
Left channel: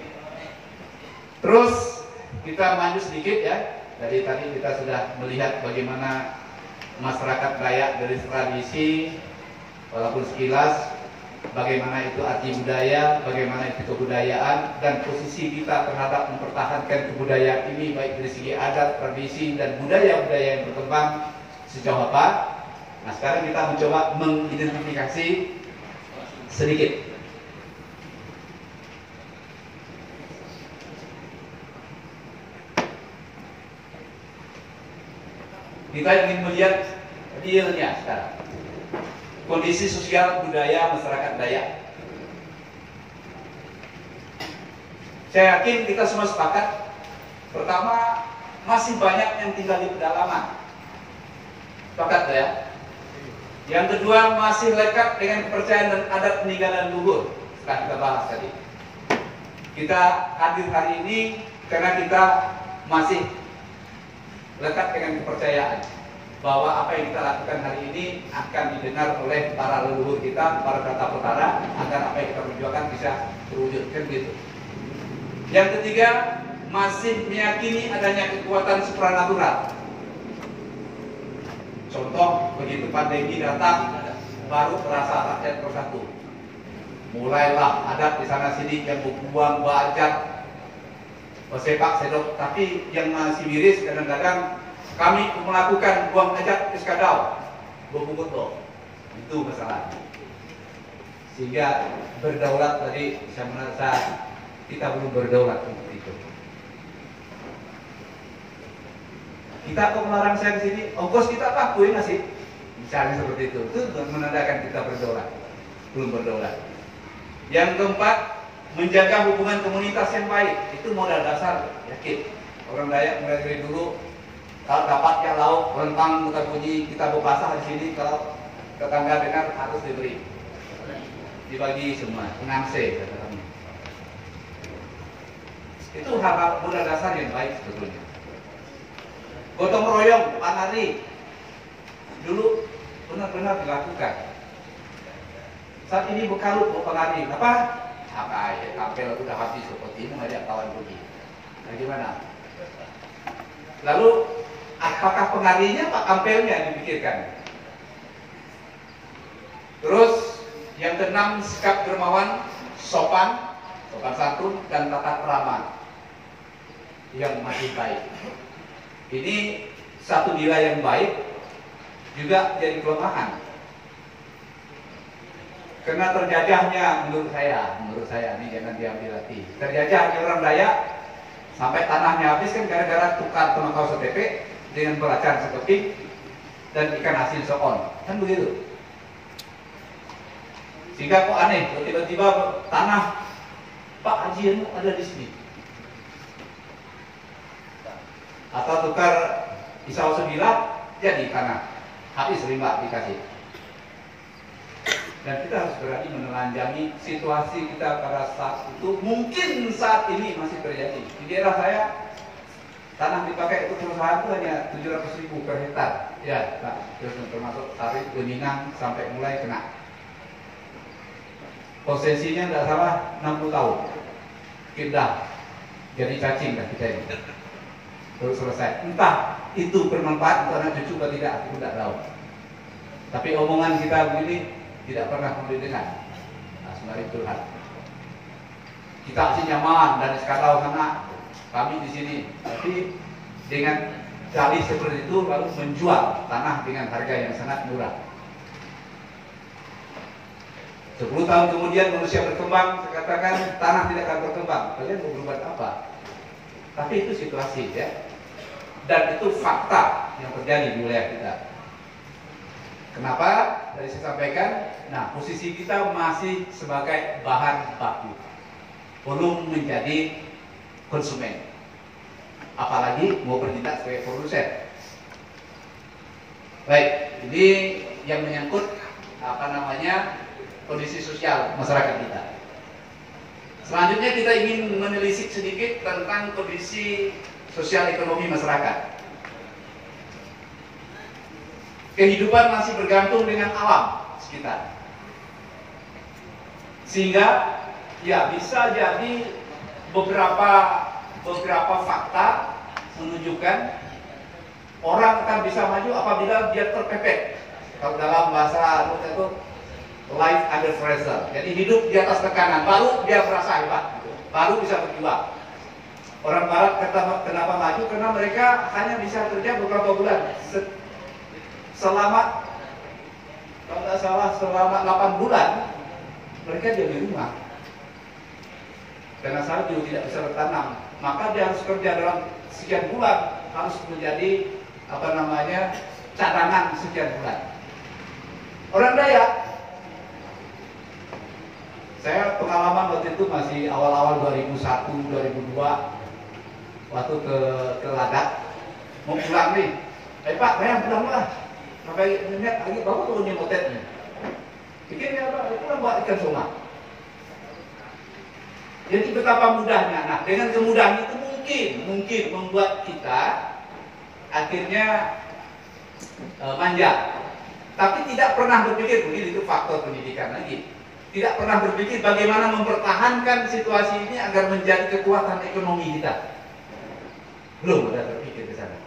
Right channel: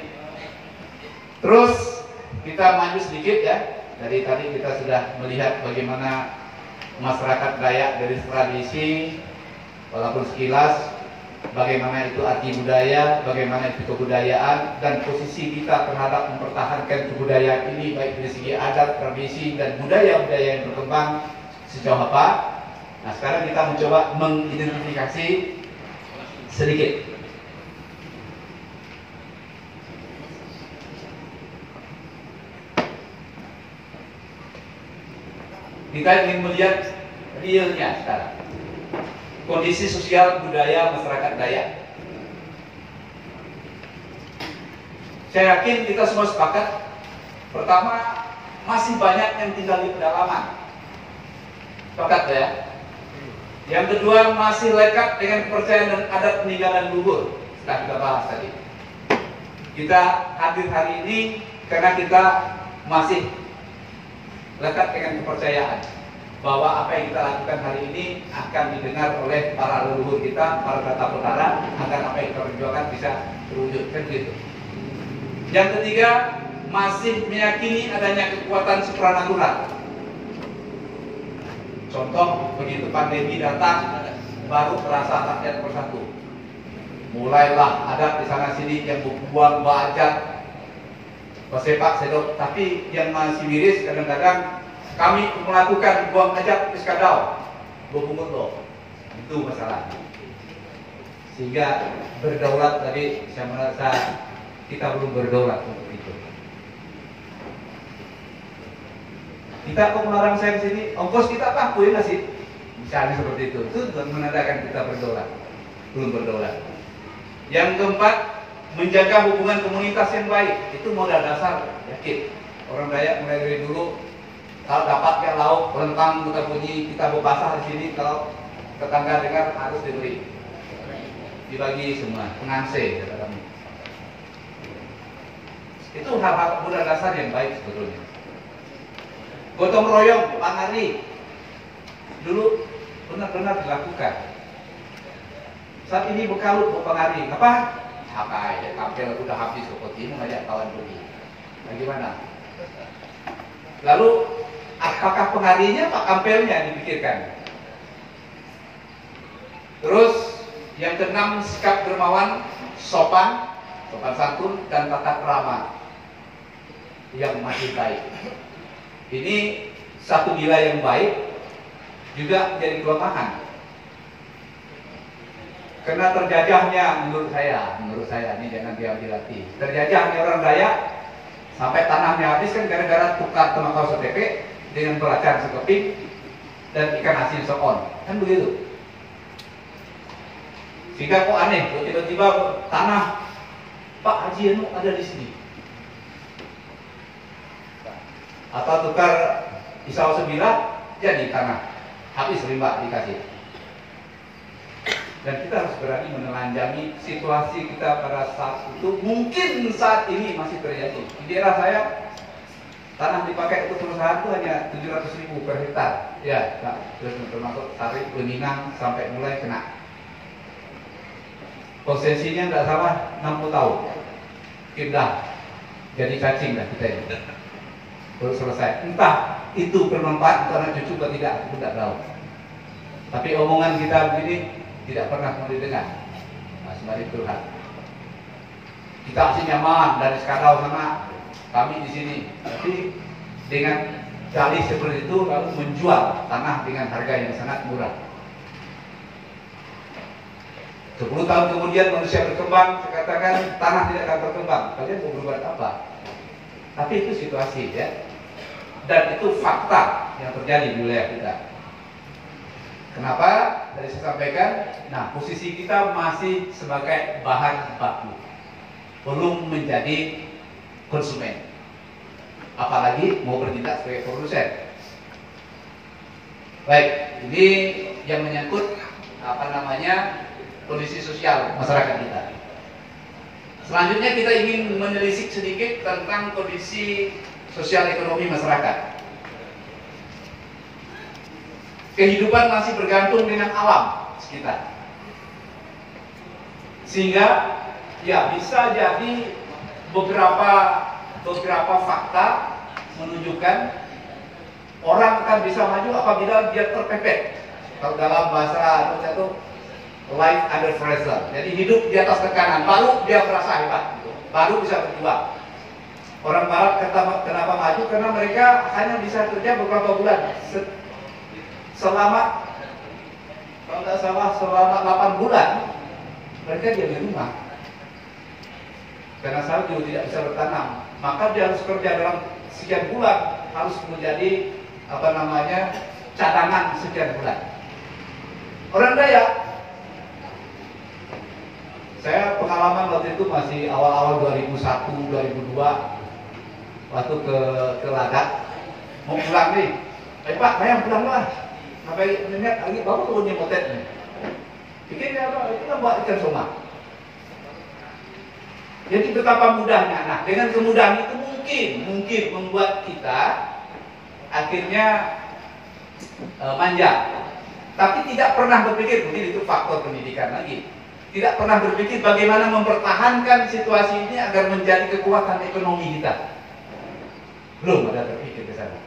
Terus kita maju sedikit ya. Dari tadi kita sudah melihat bagaimana masyarakat Dayak dari tradisi, walaupun sekilas, bagaimana itu arti budaya, bagaimana itu kebudayaan, dan posisi kita terhadap mempertahankan kebudayaan ini baik dari segi adat, tradisi, dan budaya-budaya yang berkembang sejauh apa. Nah sekarang kita mencoba mengidentifikasi sedikit. Kita ingin melihat realnya sekarang, kondisi sosial budaya masyarakat Dayak. Saya yakin kita semua sepakat. Pertama, masih banyak yang tinggal di pedalaman. Sepakat ya? Yang kedua, masih lekat dengan kepercayaan dan adat peninggalan luhur. Setelah kita bahas tadi. Kita hadir hari ini karena kita masih lekat dengan kepercayaan bahwa apa yang kita lakukan hari ini akan didengar oleh para leluhur kita, para tata perkara, agar apa yang kita perjuangkan bisa terwujud, kan gitu. Yang ketiga, masih meyakini adanya kekuatan supranatural. Contoh, begitu pandemi datang, baru terasa rakyat bersatu. Mulailah ada di sana sini yang buang bajak, sepak sedok, tapi yang masih miris kadang-kadang kami melakukan buang ajak iskadau, buang loh, itu masalahnya. Sehingga berdaulat tadi saya merasa kita belum berdaulat untuk itu. Kita kok melarang saya di sini, ongkos kita lakuin nggak sih? Misalnya seperti itu menandakan kita berdaulat, belum berdaulat. Yang keempat, menjaga hubungan komunitas yang baik, itu modal dasar, yakin. Orang Dayak mulai dari dulu, kalau dapat ya lauk, rentang, bukan bunyi, kita berbahasa di sini, kalau tetangga dengar harus diberi, dibagi semua, pengangse kata kami. Itu hal-hal modal dasar yang baik sebetulnya. Gotong royong, panari, dulu benar-benar dilakukan. Saat ini bekalut, penari, apa? Apa ya, kampel udah habis seperti ini ngajak kawan pergi. Nah gimana? Lalu apakah pengarinya Pak kampelnya dipikirkan? Terus yang keenam, sikap dermawan, sopan santun dan tata krama yang masih baik. Ini satu nilai yang baik juga jadi kelemahan. Karena terjajahnya menurut saya ini jangan diambil hati. Terjajahnya orang Dayak Sampai tanahnya habis kan gara-gara tukar tembakau setepe dengan belacan sekeping dan ikan asin sokon, kan begitu. Sehingga kok aneh, kalau tiba-tiba tanah Pak Haji Anu ada di sini, atau tukar pisau sebilah jadi tanah, habis rimba dikasih. Dan kita harus berani menelanjangi situasi kita pada saat itu. Mungkin saat ini masih terjadi. Di daerah saya, tanah dipakai untuk perusahaan itu hanya 700.000 per hektar. Ya, nah, terus termasuk tarif beningan sampai mulai kena. Konsesinya tidak salah 60 tahun. Kita jadi cacing dah kita ini. Baru selesai. Entah itu bermanfaat untuk anak cucu atau tidak, aku tidak tahu. Tapi omongan kita begini tidak pernah didengar. Nah, sebenarnya itu hal. Kita masih nyaman dari Skadau sana, kami di sini. Tapi dengan dalih seperti itu lalu menjual tanah dengan harga yang sangat murah. 10 tahun kemudian manusia berkembang, saya katakan tanah tidak akan berkembang. Kalian mau berbuat apa? Tapi itu situasi ya. Dan itu fakta yang terjadi di wilayah kita. Kenapa? Tadi saya sampaikan, nah posisi kita masih sebagai bahan baku, belum menjadi konsumen, apalagi mau bertindak sebagai produsen. Baik, ini yang menyangkut kondisi sosial masyarakat kita. Selanjutnya kita ingin menelisik sedikit tentang kondisi sosial ekonomi masyarakat. Kehidupan masih bergantung dengan alam sekitar, sehingga ya bisa jadi beberapa fakta menunjukkan orang akan bisa maju apabila dia terpepet. Kalau dalam bahasa itu life under pressure, jadi hidup di atas tekanan, baru dia merasa hebat, baru bisa berjuang. Orang Barat kenapa maju? Karena mereka hanya bisa kerja beberapa bulan. Selama, kalau tidak salah, selama 8 bulan mereka diam di rumah karena salju tidak bisa bertanam. Maka dia harus kerja dalam sekian bulan, harus menjadi cadangan sekian bulan. Orang Dayak, saya pengalaman waktu itu masih awal-awal 2001, 2002, waktu ke Ladak, mau pulang nih, Pak, bayang pulang lah. Sampai melihat lagi, bapak turunnya motet nih. Pikirnya apa? Itu kan buat ikan somah. Jadi betapa mudahnya. Nah, dengan kemudahan itu mungkin membuat kita akhirnya manja. Tapi tidak pernah berpikir, mungkin itu faktor pendidikan lagi. Tidak pernah berpikir bagaimana mempertahankan situasi ini agar menjadi kekuatan ekonomi kita. Belum ada berpikir ke sana.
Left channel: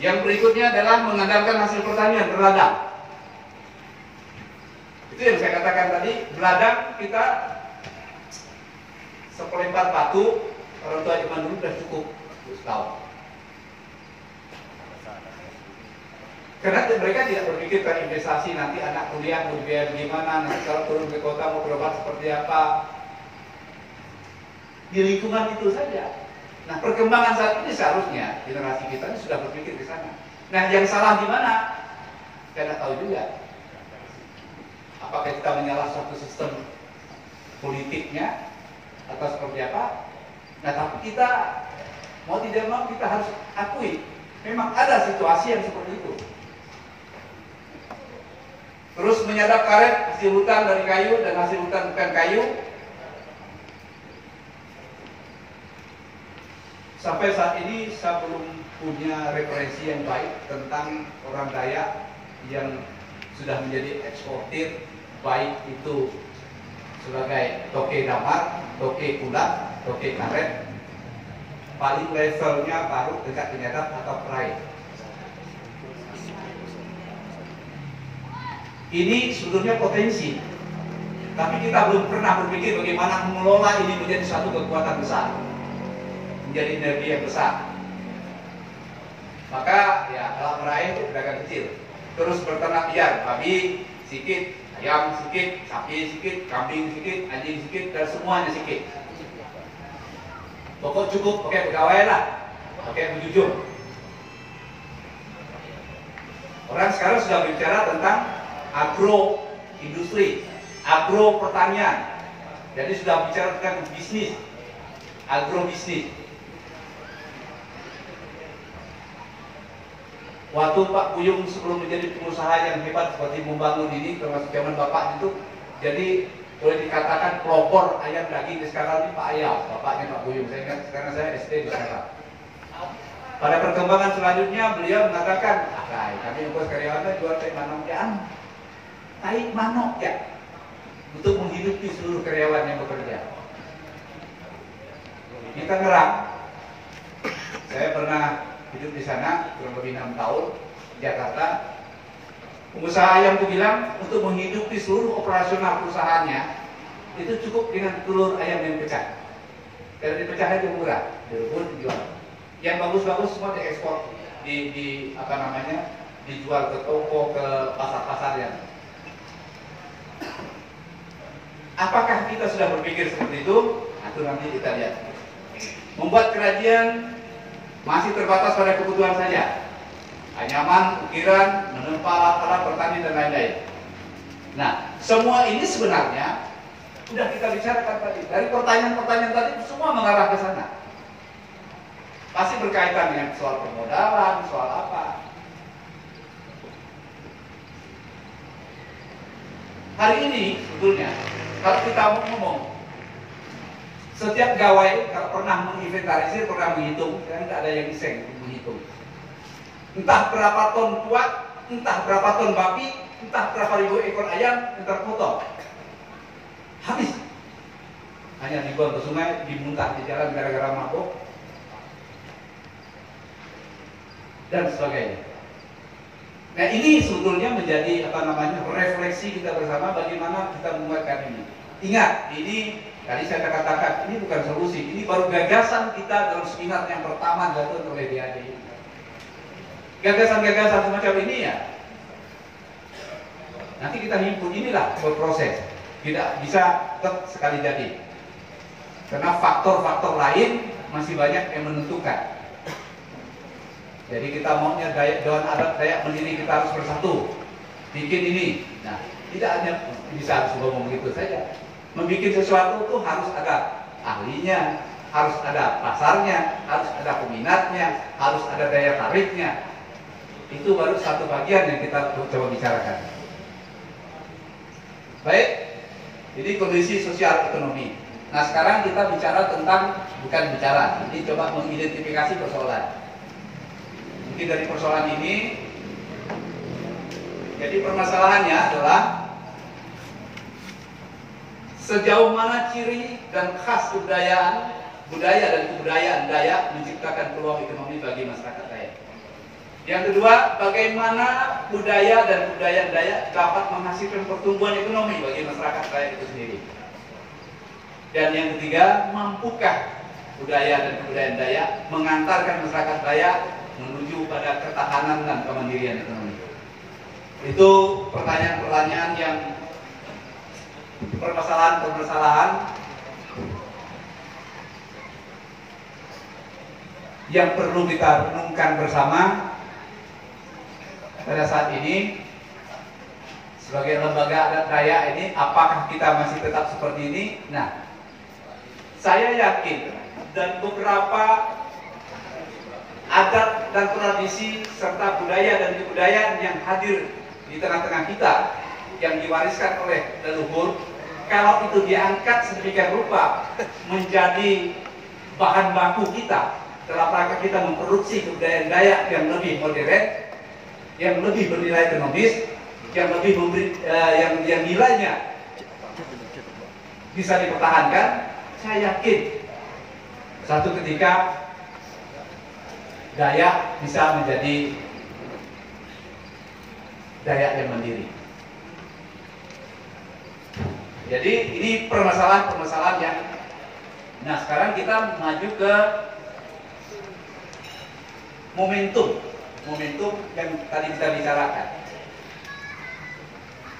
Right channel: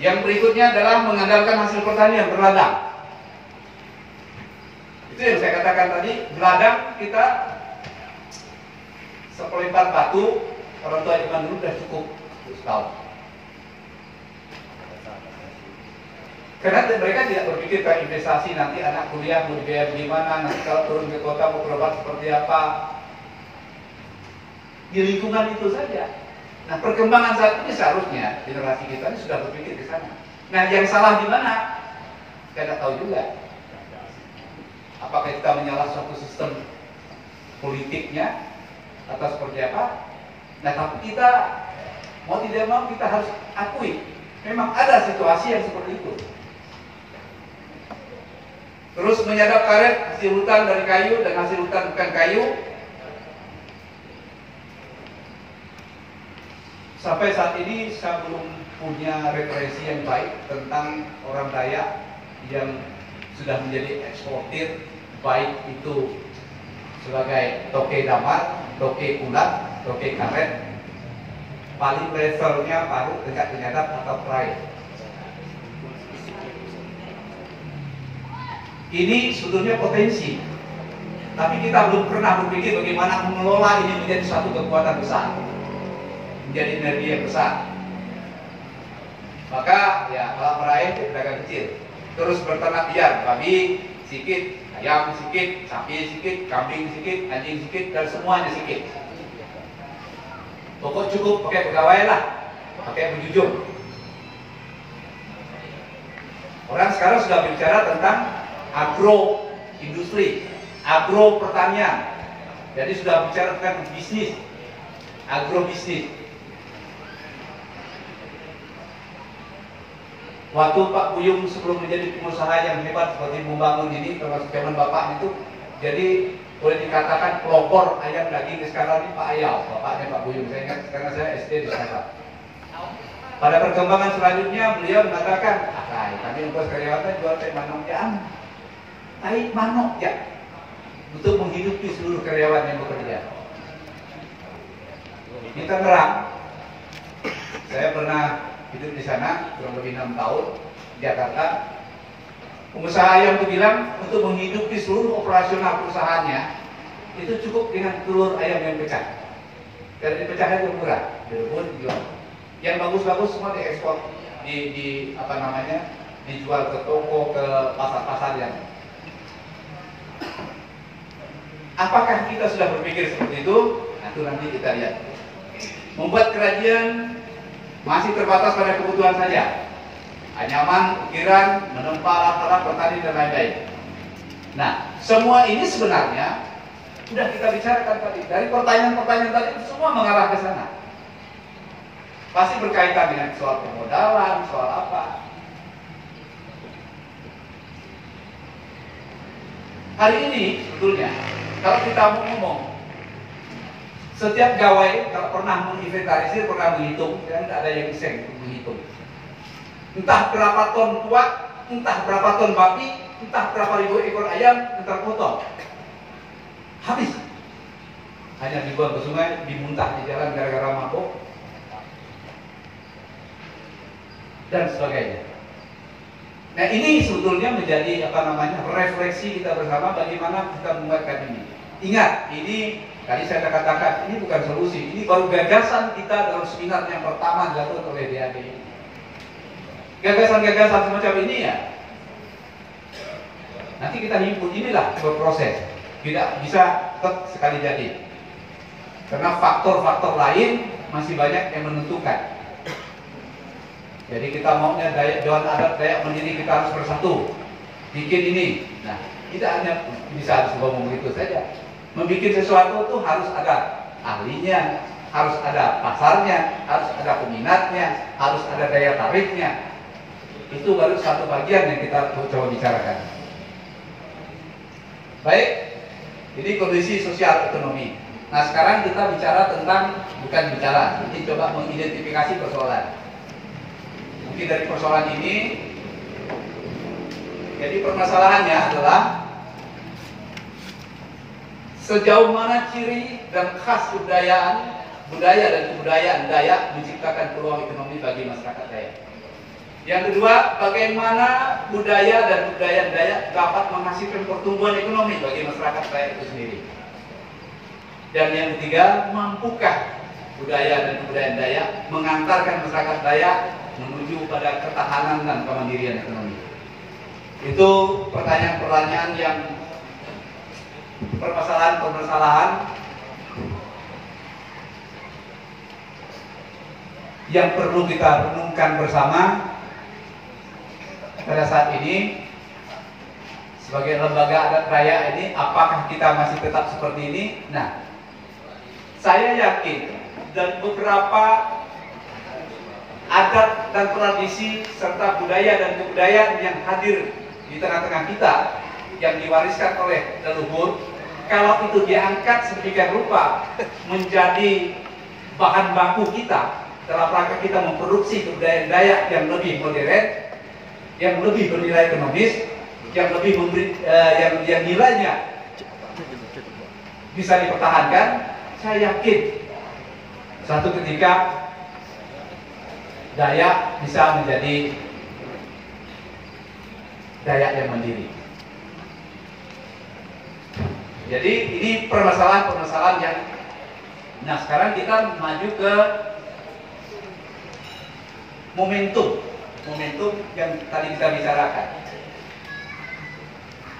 Yang berikutnya adalah mengandalkan hasil pertanian, berladang. Itu yang saya katakan tadi, berladang kita sepelempar batu, orang tua zaman dulu sudah cukup setahun. Karena mereka tidak berpikir ke investasi, nanti anak kuliah mau biaya gimana, nanti kalau turun ke kota mau berobat seperti apa. Di lingkungan itu saja. Nah, perkembangan saat ini seharusnya generasi kita ini sudah berpikir ke sana. Nah, yang salah di mana? Saya tidak tahu juga. Apakah kita menyalah suatu sistem politiknya atau seperti apa? Nah, tapi kita mau tidak mau kita harus akui memang ada situasi yang seperti itu. Terus menyadap karet hasil hutan dari kayu dan hasil hutan bukan kayu. Sampai saat ini saya belum punya referensi yang baik tentang orang Dayak yang sudah menjadi eksportir, baik itu sebagai toke damar, toke kulat, toke karet, paling levelnya baru dekat penyadap atau perai. Ini sebetulnya potensi, tapi kita belum pernah berpikir bagaimana mengelola ini menjadi suatu kekuatan besar, menjadi energi yang besar. Maka ya kalau meraih itu pedagang kecil, terus berternak liar, babi sedikit, ayam sedikit, sapi sedikit, kambing sedikit, anjing sedikit, dan semuanya sedikit. Pokok cukup pakai pegawai lah, pakai berjujur. Orang sekarang sudah bicara tentang agro industri, agro pertanian. Jadi sudah bicara tentang bisnis, agro bisnis. Waktu Pak Buyung sebelum menjadi pengusaha yang hebat seperti membangun ini, termasuk zaman Bapak itu, jadi boleh dikatakan pelopor ayam daging sekarang ini Pak Ayau, bapaknya Pak Buyung. Saya ingat karena saya SD di sana. Pada perkembangan selanjutnya beliau mengatakan, kami ongkos karyawan jual tai manok ya, tai manok ya, untuk menghidupi seluruh karyawan yang bekerja. Di Tangerang, saya pernah hidup di sana kurang lebih 6 tahun di Jakarta. Pengusaha ayam itu bilang untuk menghidupi seluruh operasional perusahaannya itu cukup dengan telur ayam yang pecah. Karena dipecahnya itu murah, direbus dijual. Yang bagus-bagus semua diekspor, dijual ke toko, ke pasar-pasar yang. Apakah kita sudah berpikir seperti itu? Nah, itu nanti kita lihat. Membuat kerajinan masih terbatas pada kebutuhan saja. Anyaman, ukiran, menempa alat-alat bertani dan lain-lain. Nah, semua ini sebenarnya sudah kita bicarakan tadi. Dari pertanyaan-pertanyaan tadi semua mengarah ke sana. Pasti berkaitan dengan soal permodalan, soal apa. Hari ini sebetulnya kalau kita mau ngomong, setiap gawai kalau pernah menginventarisir, pernah menghitung, dan tidak ada yang iseng menghitung. Entah berapa ton kuat, entah berapa ton babi, entah berapa ribu ekor ayam, entah potong. Habis. Hanya dibuang ke sungai, dimuntah di jalan gara-gara mabuk, dan sebagainya. Nah, ini sebetulnya menjadi refleksi kita bersama bagaimana kita membuatkan ini. Ingat, ini tadi saya katakan ini bukan solusi, ini baru gagasan kita dalam seminar yang pertama dilakukan oleh DAD. Gagasan-gagasan semacam ini ya, nanti kita himpun, inilah berproses, tidak bisa sekali jadi, karena faktor-faktor lain masih banyak yang menentukan. Jadi kita maunya Dewan Adat Dayak Mandiri kita harus bersatu, bikin ini. Nah, tidak hanya harus ngomong begitu saja. Membikin sesuatu itu harus ada ahlinya, harus ada pasarnya, harus ada peminatnya, harus ada daya tariknya. Itu baru satu bagian yang kita coba bicarakan. Baik, jadi kondisi sosial ekonomi. Nah, sekarang kita bicara tentang, ini coba mengidentifikasi persoalan. Mungkin dari persoalan ini, jadi permasalahannya adalah sejauh mana ciri dan khas budaya dan kebudayaan Dayak menciptakan peluang ekonomi bagi masyarakat Dayak. Yang kedua, bagaimana budaya dan kebudayaan Dayak dapat menghasilkan pertumbuhan ekonomi bagi masyarakat Dayak itu sendiri. Dan yang ketiga, mampukah budaya dan kebudayaan Dayak mengantarkan masyarakat Dayak menuju pada ketahanan dan kemandirian ekonomi. Itu pertanyaan-pertanyaan yang permasalahan-permasalahan yang perlu kita renungkan bersama pada saat ini. Sebagai lembaga adat Dayak ini, apakah kita masih tetap seperti ini? Nah, saya yakin dan beberapa adat dan tradisi serta budaya dan kebudayaan yang hadir di tengah-tengah kita yang diwariskan oleh leluhur, kalau itu diangkat sedemikian rupa menjadi bahan baku kita dalam rangka kita memproduksi kebudayaan Dayak yang lebih modern, yang lebih bernilai ekonomis, yang lebih memberi, yang nilainya bisa dipertahankan, saya yakin satu ketika Dayak bisa menjadi Dayak yang mandiri. Jadi ini permasalahan-permasalahan yang. Nah, sekarang kita maju ke momentum yang tadi kita bicarakan.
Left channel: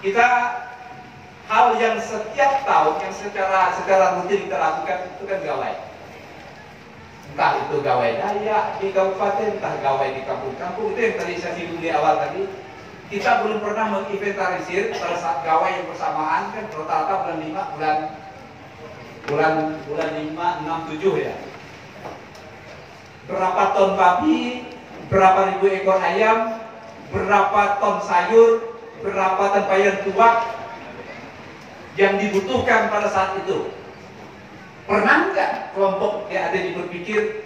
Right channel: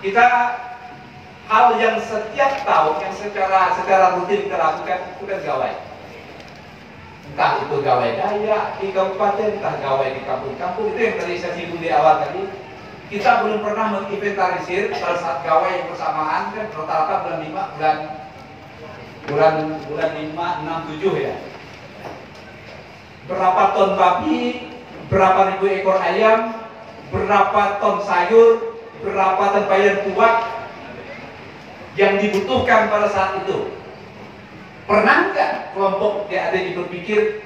Kita hal yang setiap tahun yang secara rutin kita lakukan itu kan gawai. Entah itu gawai Dayak di kabupaten, entah gawai di kampung-kampung. Itu yang tadi saya singgung di awal tadi. Kita belum pernah menginventarisir pada saat gawai yang bersamaan, kan rata-rata bulan 5, 6, 7 ya. Berapa ton babi, berapa ribu ekor ayam, berapa ton sayur, berapa tempayan tuak yang dibutuhkan pada saat itu. Pernah nggak kelompok yang ada yang berpikir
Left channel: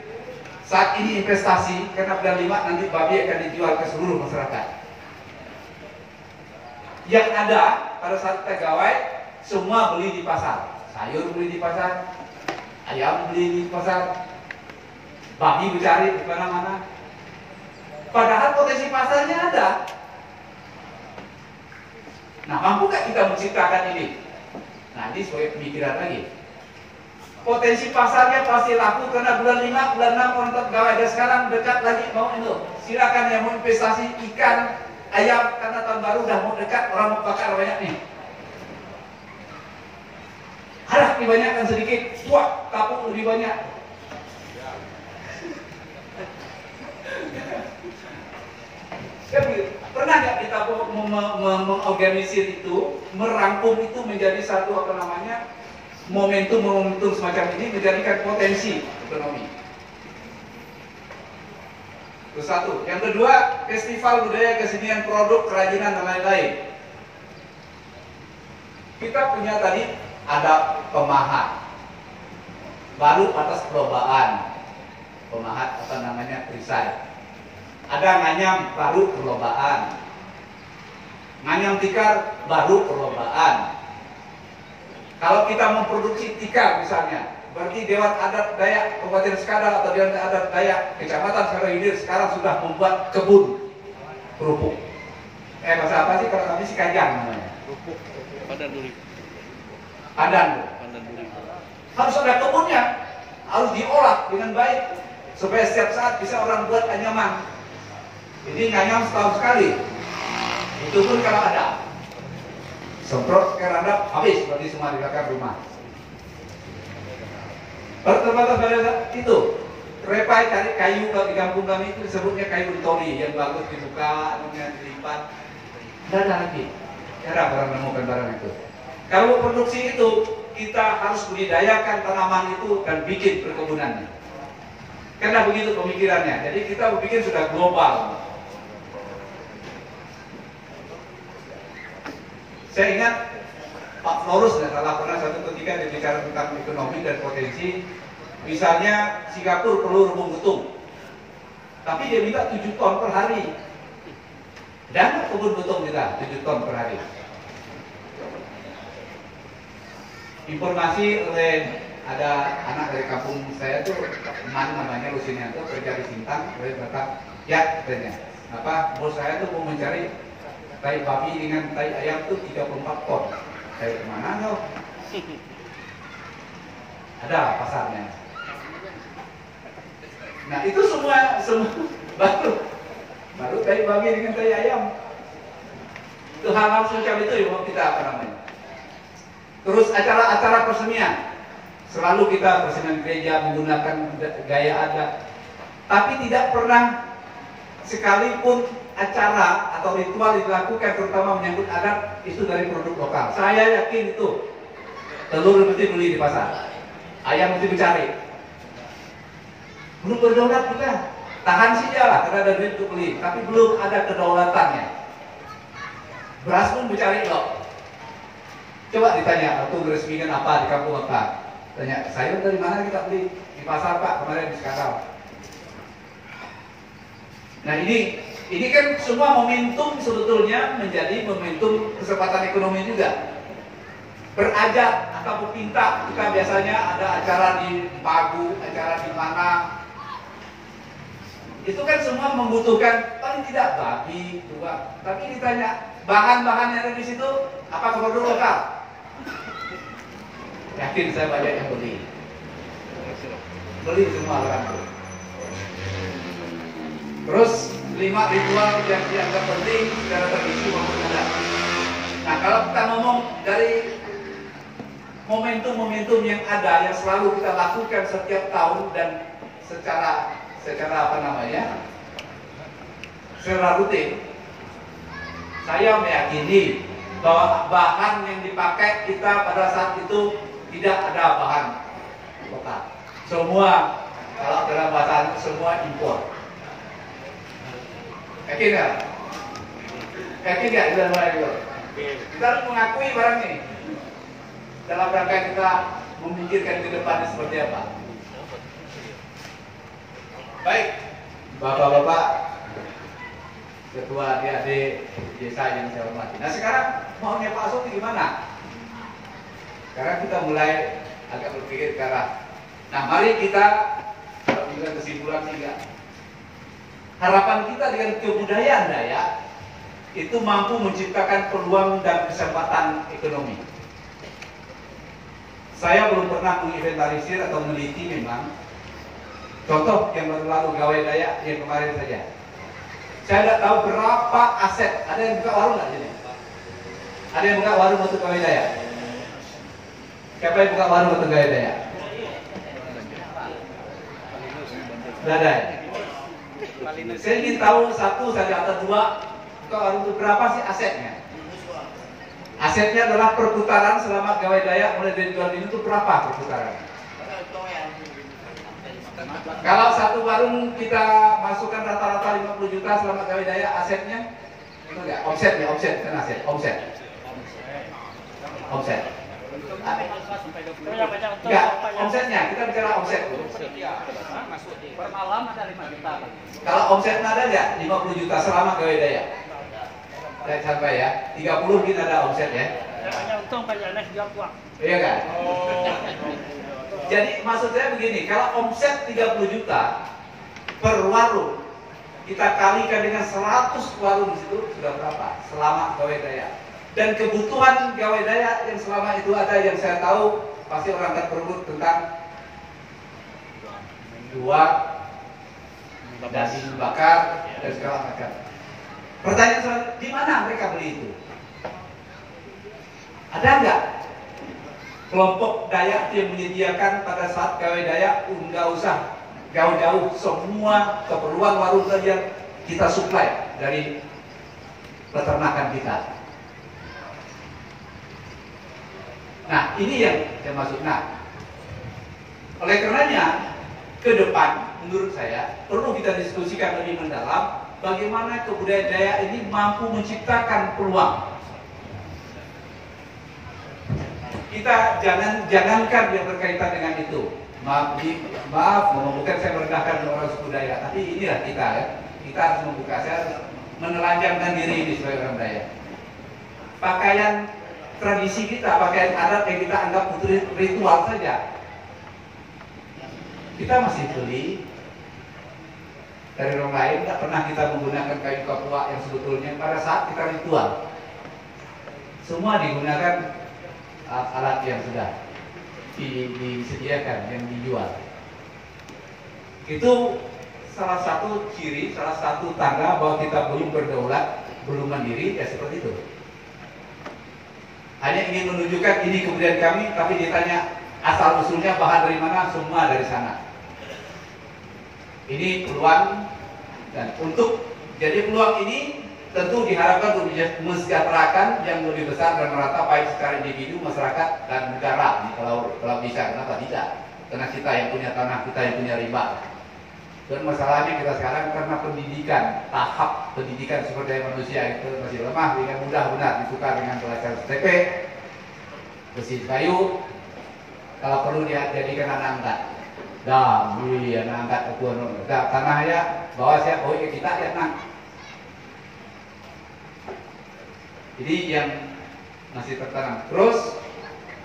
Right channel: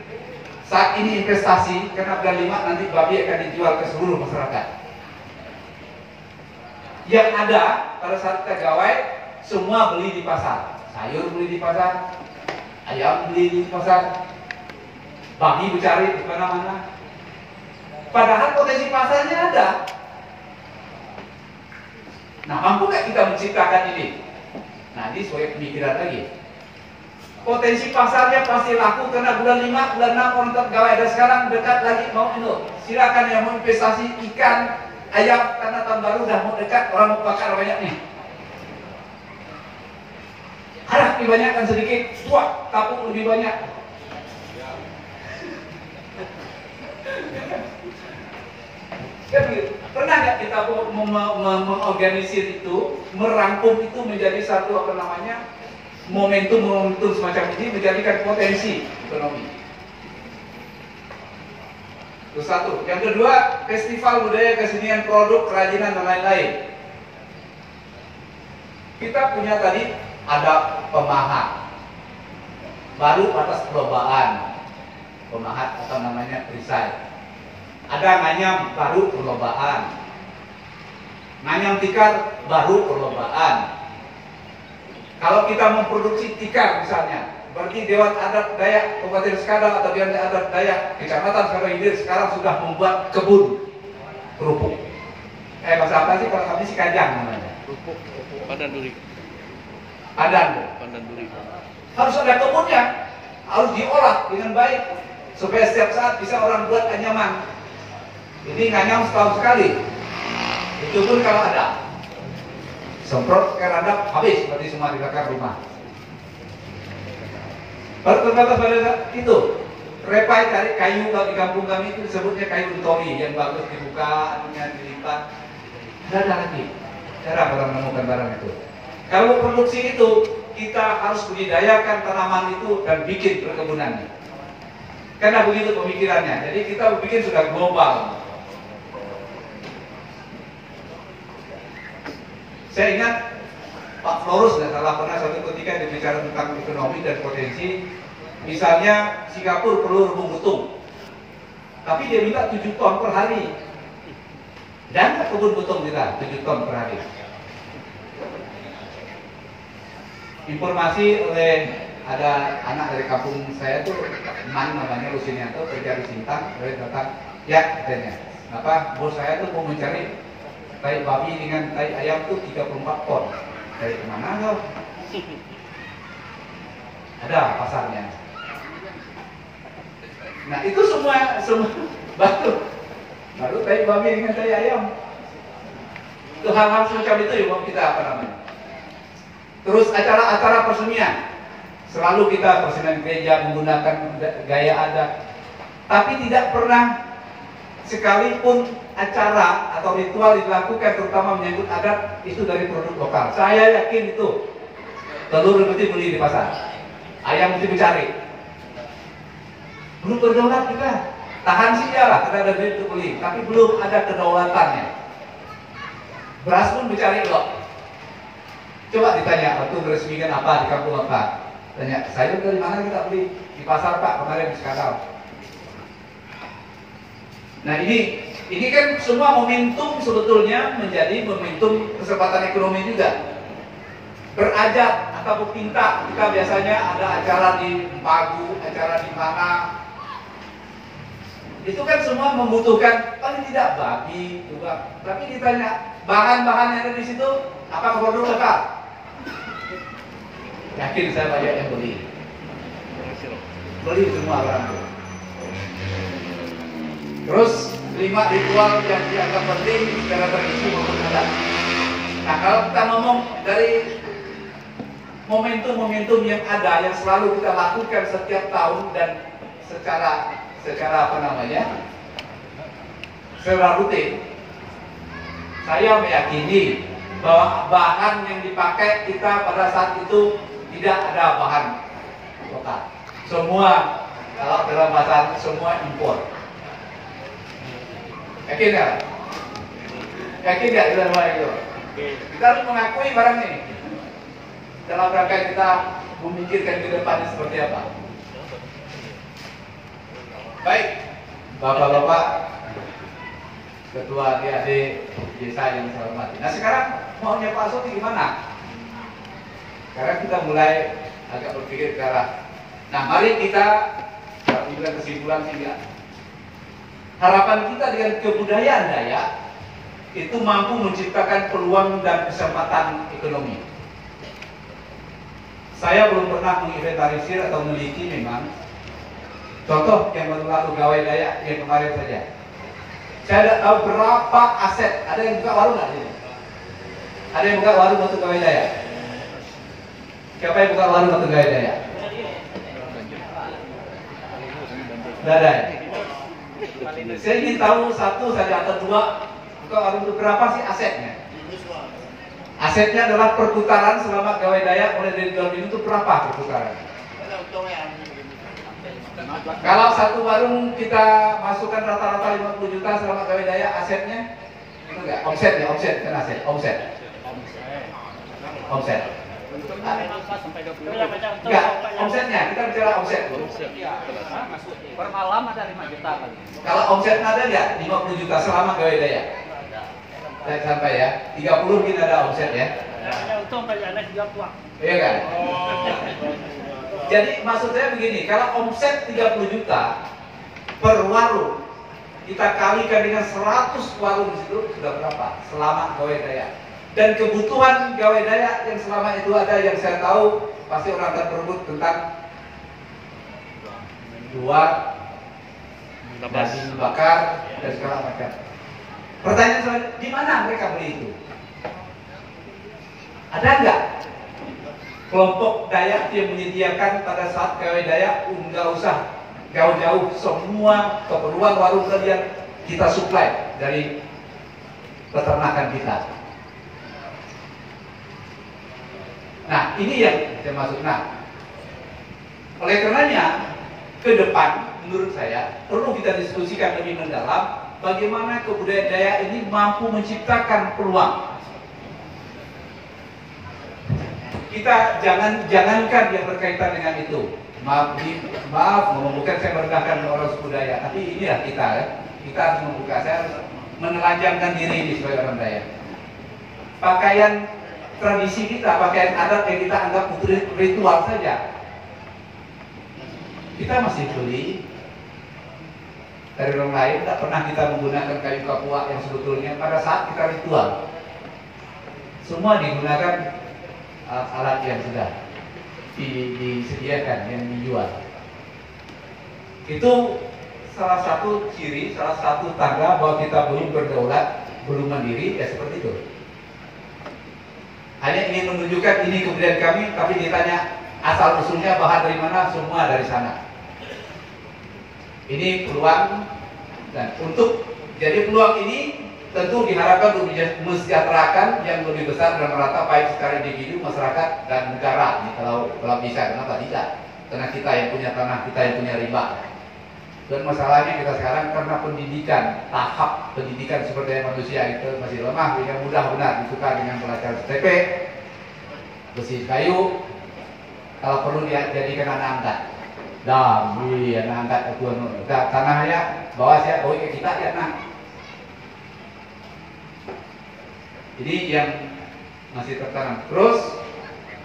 saat ini investasi karena bulan 5 nanti babi akan dijual ke seluruh masyarakat? Yang ada pada saat kita gawai semua beli di pasar, sayur beli di pasar, ayam beli di pasar, babi dicari di mana-mana. Padahal potensi pasarnya ada. Nah, mampu nggak kita menciptakan ini? Nah, ini sebagai pemikiran lagi. Potensi pasarnya pasti laku karena bulan 5, bulan 6 orang tetap gawai. Dan sekarang dekat lagi mau itu. Silakan yang mau investasi ikan, ayam, karena tahun baru udah mau dekat, orang mau bakar banyak nih. Harap dibanyakkan sedikit, wah, tapung lebih banyak. Pernah nggak kita mengorganisir itu, merangkum itu menjadi satu momentum semacam ini, menjadikan potensi ekonomi. Itu satu. Yang kedua, festival budaya, kesenian, produk, kerajinan, dan lain-lain. Kita punya tadi ada pemahat, baru atas perlombaan, pemahat perisai. Ada nganyam, baru perlombaan. Nganyam tikar, baru perlombaan. Kalau kita memproduksi tikar misalnya, berarti Dewan Adat Dayak Kabupaten Skadal atau Dewan Adat Dayak Kecamatan Skadal sekarang sudah membuat kebun kerupuk. Bahasa apa sih kalau kami Kajang namanya? Pandan duri. Pandan duri. Harus ada kebunnya, harus diolah dengan baik supaya setiap saat bisa orang buat anyaman. Ini nganyam setahun sekali. Itu pun kalau ada. Semprot air rendam habis berarti semua dibakar rumah. Baru terbatas pada itu repai kayu kalau di kampung kami itu disebutnya kayu tori yang bagus dibuka, anunya dilipat. Tidak ada lagi. Jarang orang menemukan barang itu. Kalau produksi itu kita harus budidayakan tanaman itu dan bikin perkebunannya. Karena begitu pemikirannya. Jadi kita bikin sudah global. Saya ingat Pak Florus salah pernah satu ketika dia bicara tentang ekonomi dan potensi. Misalnya Singapura perlu rebung betung, tapi dia minta 7 ton per hari. Dan kebun betung kita 7 ton per hari. Informasi oleh ada anak dari kampung saya tuh, Man namanya Rusinianto, kerja di Sintang, dia datang, ya katanya, bos saya tuh mau mencari tai babi dengan tai ayam tuh 34 ton. Dari kemana kau? Ada pasarnya. Nah itu semua baru tai babi dengan tai ayam. Itu hal-hal semacam itu yang mau kita Terus acara-acara persenian, selalu kita persenian gereja menggunakan gaya adat, tapi tidak pernah sekalipun acara atau ritual dilakukan terutama menyangkut adat itu dari produk lokal. Saya yakin itu telur mesti beli di pasar, ayam mesti mencari. Belum berdaulat kita, tahan saja lah karena ada duit untuk beli, tapi belum ada kedaulatannya. Beras pun mencari loh. Coba ditanya waktu meresmikan apa di kampung apa, tanya sayur dari mana kita beli di pasar Pak kemarin di Skadal. Nah ini kan semua momentum sebetulnya menjadi momentum kesempatan ekonomi juga. Berajak atau berpinta, kita biasanya ada acara di Pagu, acara di mana. Itu kan semua membutuhkan paling tidak babi juga. Tapi ditanya bahan-bahan yang ada di situ apa produk lokal? Yakin saya banyak yang beli semua orang itu. Terus 5 ritual yang dianggap penting secara tradisi maupun adat. Nah kalau kita ngomong dari momentum-momentum yang ada yang selalu kita lakukan setiap tahun dan secara apa namanya, secara rutin, saya meyakini bahwa bahan yang dipakai kita pada saat itu tidak ada bahan lokal. Semua, kalau dalam bahasa semua impor. Yakin nggak? Yakin nggak dalam hal itu? Kita harus mengakui barang ini dalam rangka kita memikirkan ke depan seperti apa. Baik, bapak-bapak, ketua adik-adik desa yang saya hormati. Nah sekarang maunya Pak Soti gimana? Sekarang kita mulai agak berpikir ke arah. Nah mari kita ambil kesimpulan 3. Harapan kita dengan kebudayaan Dayak itu mampu menciptakan peluang dan kesempatan ekonomi. Saya belum pernah menginventarisir atau meneliti memang. Contoh yang baru lalu Gawai Dayak yang kemarin saja. Saya tidak tahu berapa aset. Ada yang buka warung nggak jadi? Ada yang buka warung untuk Gawai Dayak? Siapa yang buka warung untuk Gawai Dayak? Tidak ada. Saya ingin tahu satu saja atau dua buka warung itu berapa sih asetnya? Asetnya adalah perputaran selama Gawai Dayak mulai dari tahun ini itu berapa perputaran? Kalau satu warung kita masukkan rata-rata 50 juta selama Gawai Dayak, asetnya itu enggak? Omset ya, omset kan aset, omset. Enggak, omsetnya, kita bicara omset. Per malam ada 5 juta. Kalau omsetnya ada enggak? 50 juta selama Gawai Dayak. Saya sampai ya, 30 mungkin ada omset ya. Iya kan? Jadi maksud saya begini, kalau omset 30 juta per warung, kita kalikan dengan 100 warung itu sudah berapa? Selama Gawai Dayak. Dan kebutuhan Gawai Dayak yang selama itu ada, yang saya tahu pasti orang akan berebut tentang daging bakar dan segala macam. Pertanyaan selanjutnya, di mana mereka beli itu? Ada nggak kelompok Dayak yang menyediakan pada saat Gawai Dayak nggak usah jauh-jauh, semua keperluan warung tadi kita suplai dari peternakan kita. Nah ini yang saya maksud. Nah oleh karenanya ke depan menurut saya perlu kita diskusikan lebih mendalam bagaimana kebudayaan Dayak ini mampu menciptakan peluang. Kita jangankan yang berkaitan dengan itu. Maaf, bukan saya merendahkan orang suku Dayak, tapi inilah kita harus membuka. Saya harus menelanjangkan diri ini sebagai orang Dayak. Pakaian tradisi kita, pakaian adat yang kita anggap ritual saja, kita masih beli dari orang lain. Tidak pernah kita menggunakan kayu kapua yang sebetulnya pada saat kita ritual. Semua digunakan alat yang sudah disediakan, yang dijual. Itu salah satu ciri, salah satu tanda bahwa kita belum berdaulat, belum mandiri, ya seperti itu. Hanya ingin menunjukkan ini kebudayaan kami, tapi ditanya asal usulnya bahan dari mana, semua dari sana. Ini peluang, dan untuk jadi peluang ini tentu diharapkan untuk mensejahterakan yang lebih besar dan merata, baik secara individu, masyarakat, dan negara. Kalau bisa, kenapa tidak? Karena kita yang punya tanah, kita yang punya riba. Dan masalahnya kita sekarang karena pendidikan, tahap pendidikan seperti manusia itu masih lemah, sehingga mudah benar ditukar dengan pelajaran STP, besi kayu, kalau perlu dia jadikan anak angkat. Dah, beli anak angkat itu tanahnya, bawa saya, bawa kita ya nak. Jadi yang masih tertanam. Terus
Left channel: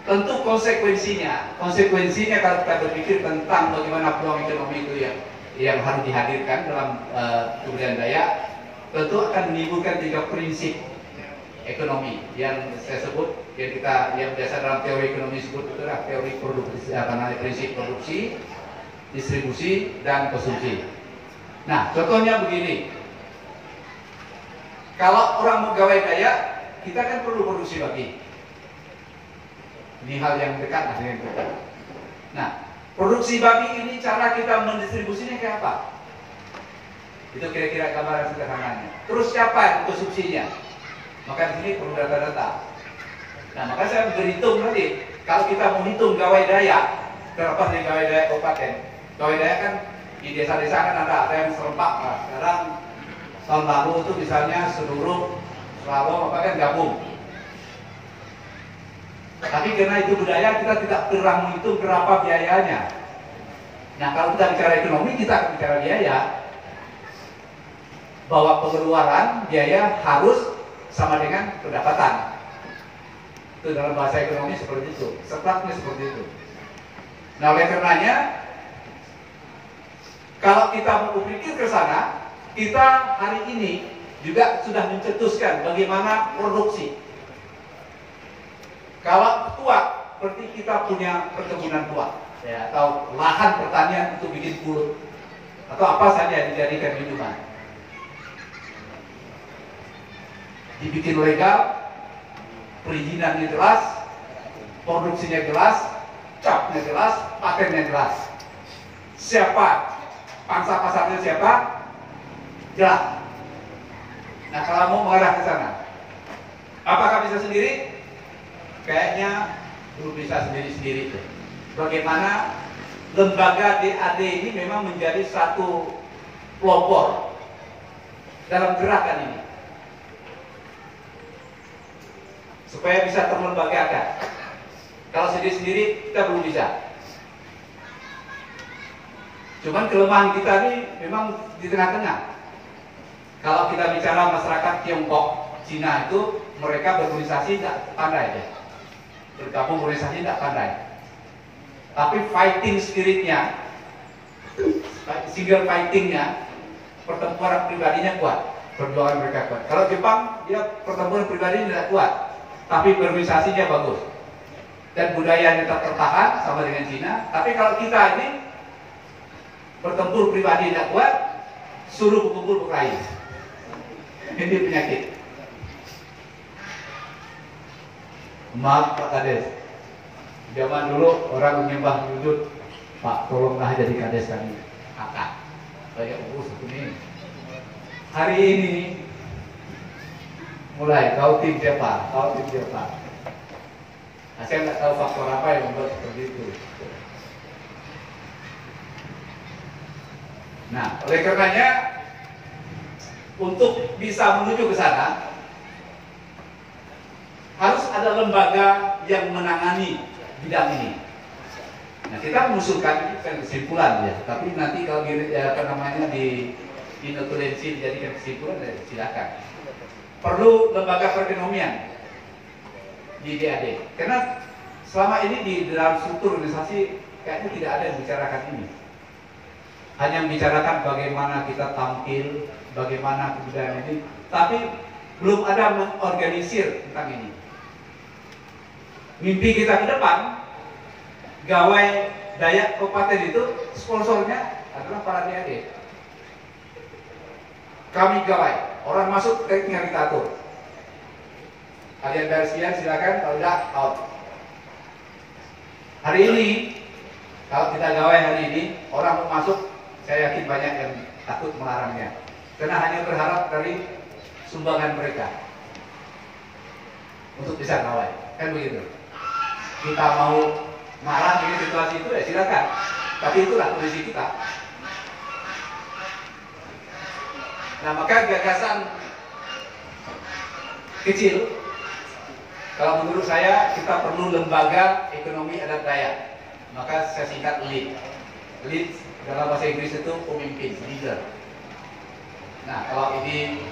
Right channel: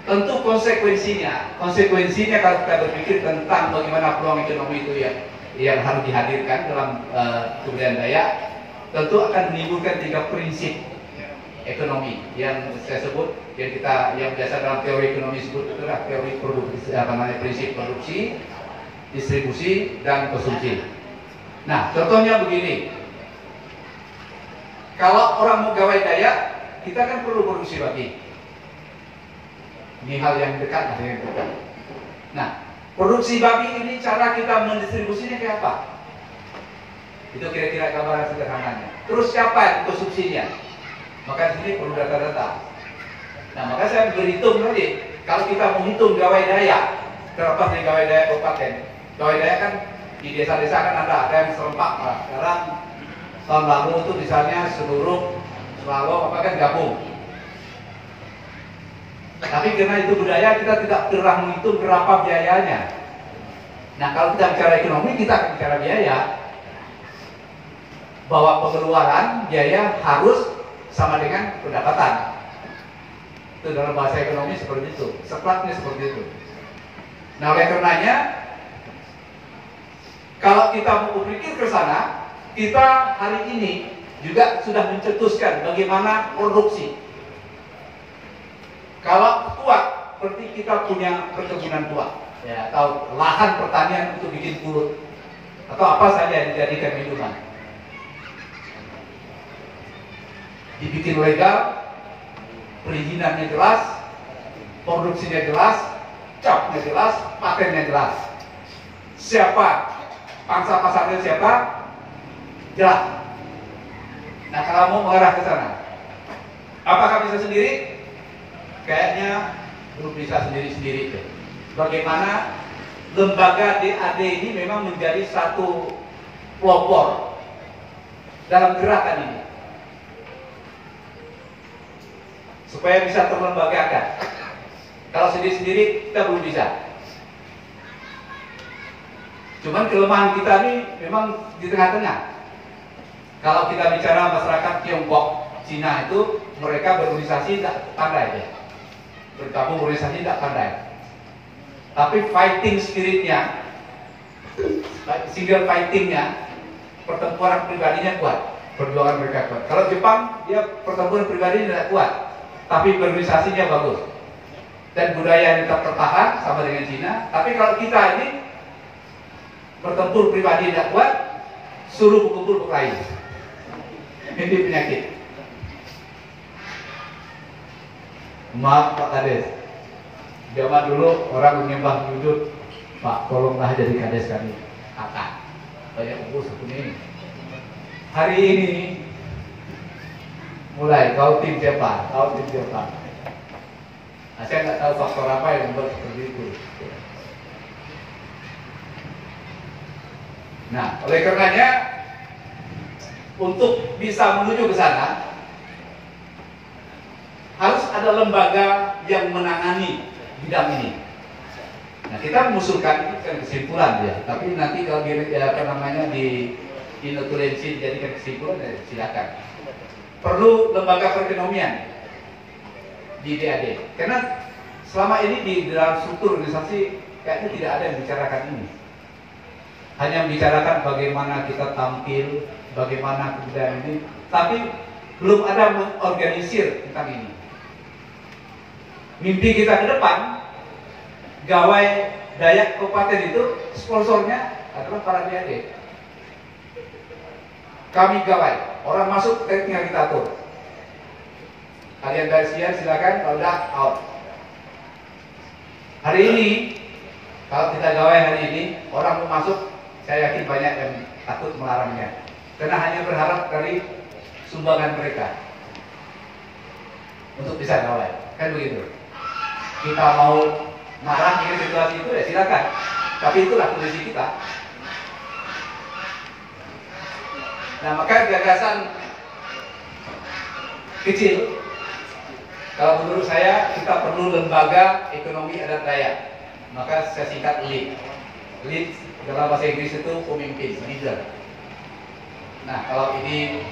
tentu konsekuensinya kalau kita berpikir tentang bagaimana peluang ekonomi itu yang harus dihadirkan dalam kebudayaan Dayak, tentu akan menimbulkan 3 prinsip ekonomi yang saya sebut, yang biasa dalam teori ekonomi sebut itu adalah teori produksi, prinsip produksi, distribusi, dan konsumsi. Nah, contohnya begini. Kalau orang Gawai Dayak, kita kan perlu produksi bagi. Ini hal yang dekat, yang dekat. Nah, Produksi babi ini cara kita mendistribusinya kayak apa? Itu kira-kira gambaran sederhananya. Terus siapa yang konsumsinya? Maka di sini perlu data-data. Nah, maka saya berhitung tadi, kalau kita menghitung gawai daya, terlepas dari gawai daya kabupaten, gawai daya kan di desa-desa kan ada yang serempak. Nah, sekarang tahun lalu itu misalnya seluruh Selalu apa kan gabung. Tapi karena itu budaya, kita tidak pernah menghitung berapa biayanya. Nah, kalau kita bicara ekonomi, kita akan bicara biaya. Bahwa pengeluaran biaya harus sama dengan pendapatan. Itu dalam bahasa ekonomi seperti itu. Sepatnya seperti itu. Nah, oleh karenanya, kalau kita mau berpikir ke sana, kita hari ini juga sudah mencetuskan bagaimana produksi. Kalau tua, seperti kita punya perkebunan tua, ya, atau lahan pertanian untuk bikin pulut, atau apa saja yang dijadikan minuman, dibikin legal, perizinannya jelas, produksinya jelas, capnya jelas, patennya jelas. Siapa pangsa pasarnya siapa? Jelas. Nah, kalau mau mengarah ke sana, apakah bisa sendiri? Kayaknya belum bisa sendiri-sendiri. Bagaimana lembaga DAD ini memang menjadi satu pelopor dalam gerakan ini, supaya bisa terlembagakan. Kalau sendiri-sendiri kita belum bisa. Cuman kelemahan kita ini memang di tengah-tengah. Kalau kita bicara masyarakat Tiongkok, Cina itu mereka berorganisasi tidak pandai ya. Bergabung organisasi tidak pandai. Tapi fighting spiritnya, single fightingnya, pertempuran pribadinya kuat, perjuangan mereka kuat. Kalau Jepang, dia pertempuran pribadi tidak kuat, tapi berorganisasinya bagus. Dan budaya tetap tertahan sama dengan Cina. Tapi kalau kita ini bertempur pribadi tidak kuat, suruh kumpul berkelahi. Ini penyakit. Maaf Pak Kades, zaman dulu orang menyembah wujud, Pak tolonglah jadi Kades kami, kakak banyak urus satu ini. Hari ini mulai kau tim siapa, kau tim siapa. Nah, saya nggak tahu faktor apa yang membuat seperti itu. Nah, oleh karenanya untuk bisa menuju ke sana, harus ada lembaga yang menangani bidang ini. Nah, kita mengusulkan ini kan kesimpulan ya, tapi nanti kalau di notulensi dijadikan kesimpulan, ya silakan. Perlu lembaga perekonomian di DAD, karena selama ini di dalam struktur organisasi kayaknya tidak ada yang bicarakan ini. Hanya membicarakan bagaimana kita tampil, bagaimana kebudayaan ini, tapi belum ada mengorganisir tentang ini. Mimpi kita ke depan, gawai Dayak Kabupaten itu sponsornya adalah para DAD. Kami gawai, orang masuk tinggal kita atur. Kalian bayar sekian silakan, kalau udah out. Hari ini, kalau kita gawai hari ini, orang mau masuk, saya yakin banyak yang takut melarangnya. Karena hanya berharap dari sumbangan mereka untuk bisa gawai, kan begitu. Kita mau marah ini situasi itu ya silakan, tapi itulah kondisi kita. Nah, maka gagasan kecil, kalau menurut saya kita perlu lembaga ekonomi adat Dayak. Maka saya singkat LEAD. LEAD dalam bahasa Inggris itu pemimpin, leader. Nah, kalau ini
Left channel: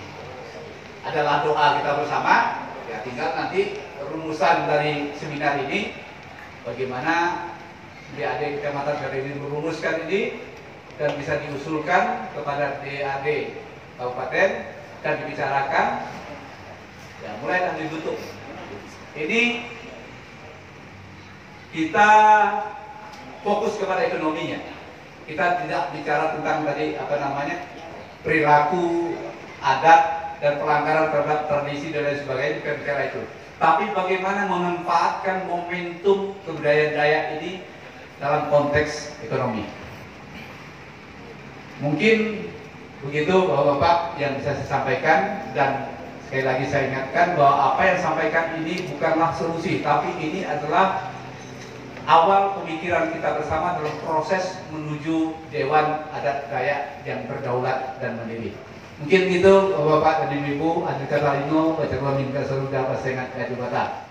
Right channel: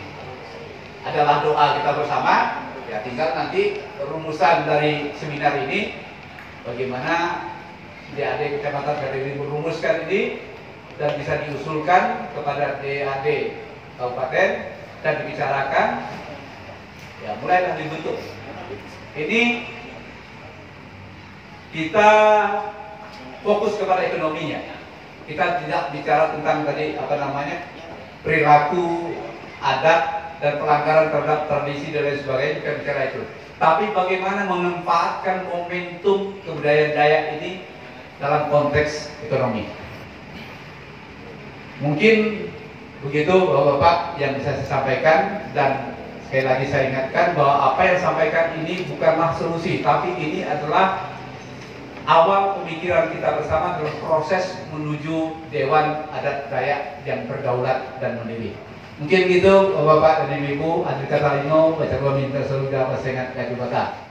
adalah doa kita bersama, ya tinggal nanti rumusan dari seminar ini, bagaimana DAD Kecamatan Gading merumuskan ini dan bisa diusulkan kepada DAD Kabupaten dan dibicarakan, ya mulailah ditutup. Ini kita fokus kepada ekonominya. Kita tidak bicara tentang tadi perilaku, adat dan pelanggaran terhadap tradisi dan lain sebagainya, bukan bicara itu. Tapi bagaimana memanfaatkan momentum kebudayaan Dayak ini dalam konteks ekonomi. Mungkin begitu Bapak-Bapak yang bisa saya sampaikan, dan sekali lagi saya ingatkan bahwa apa yang sampaikan ini bukanlah solusi, tapi ini adalah awal pemikiran kita bersama dalam proses menuju Dewan Adat Dayak yang berdaulat dan mandiri. Mungkin gitu Bapak-Bapak dan Ibu-Ibu, Andri Katalino, Baca Minta Seludah Pasengat Kajubata.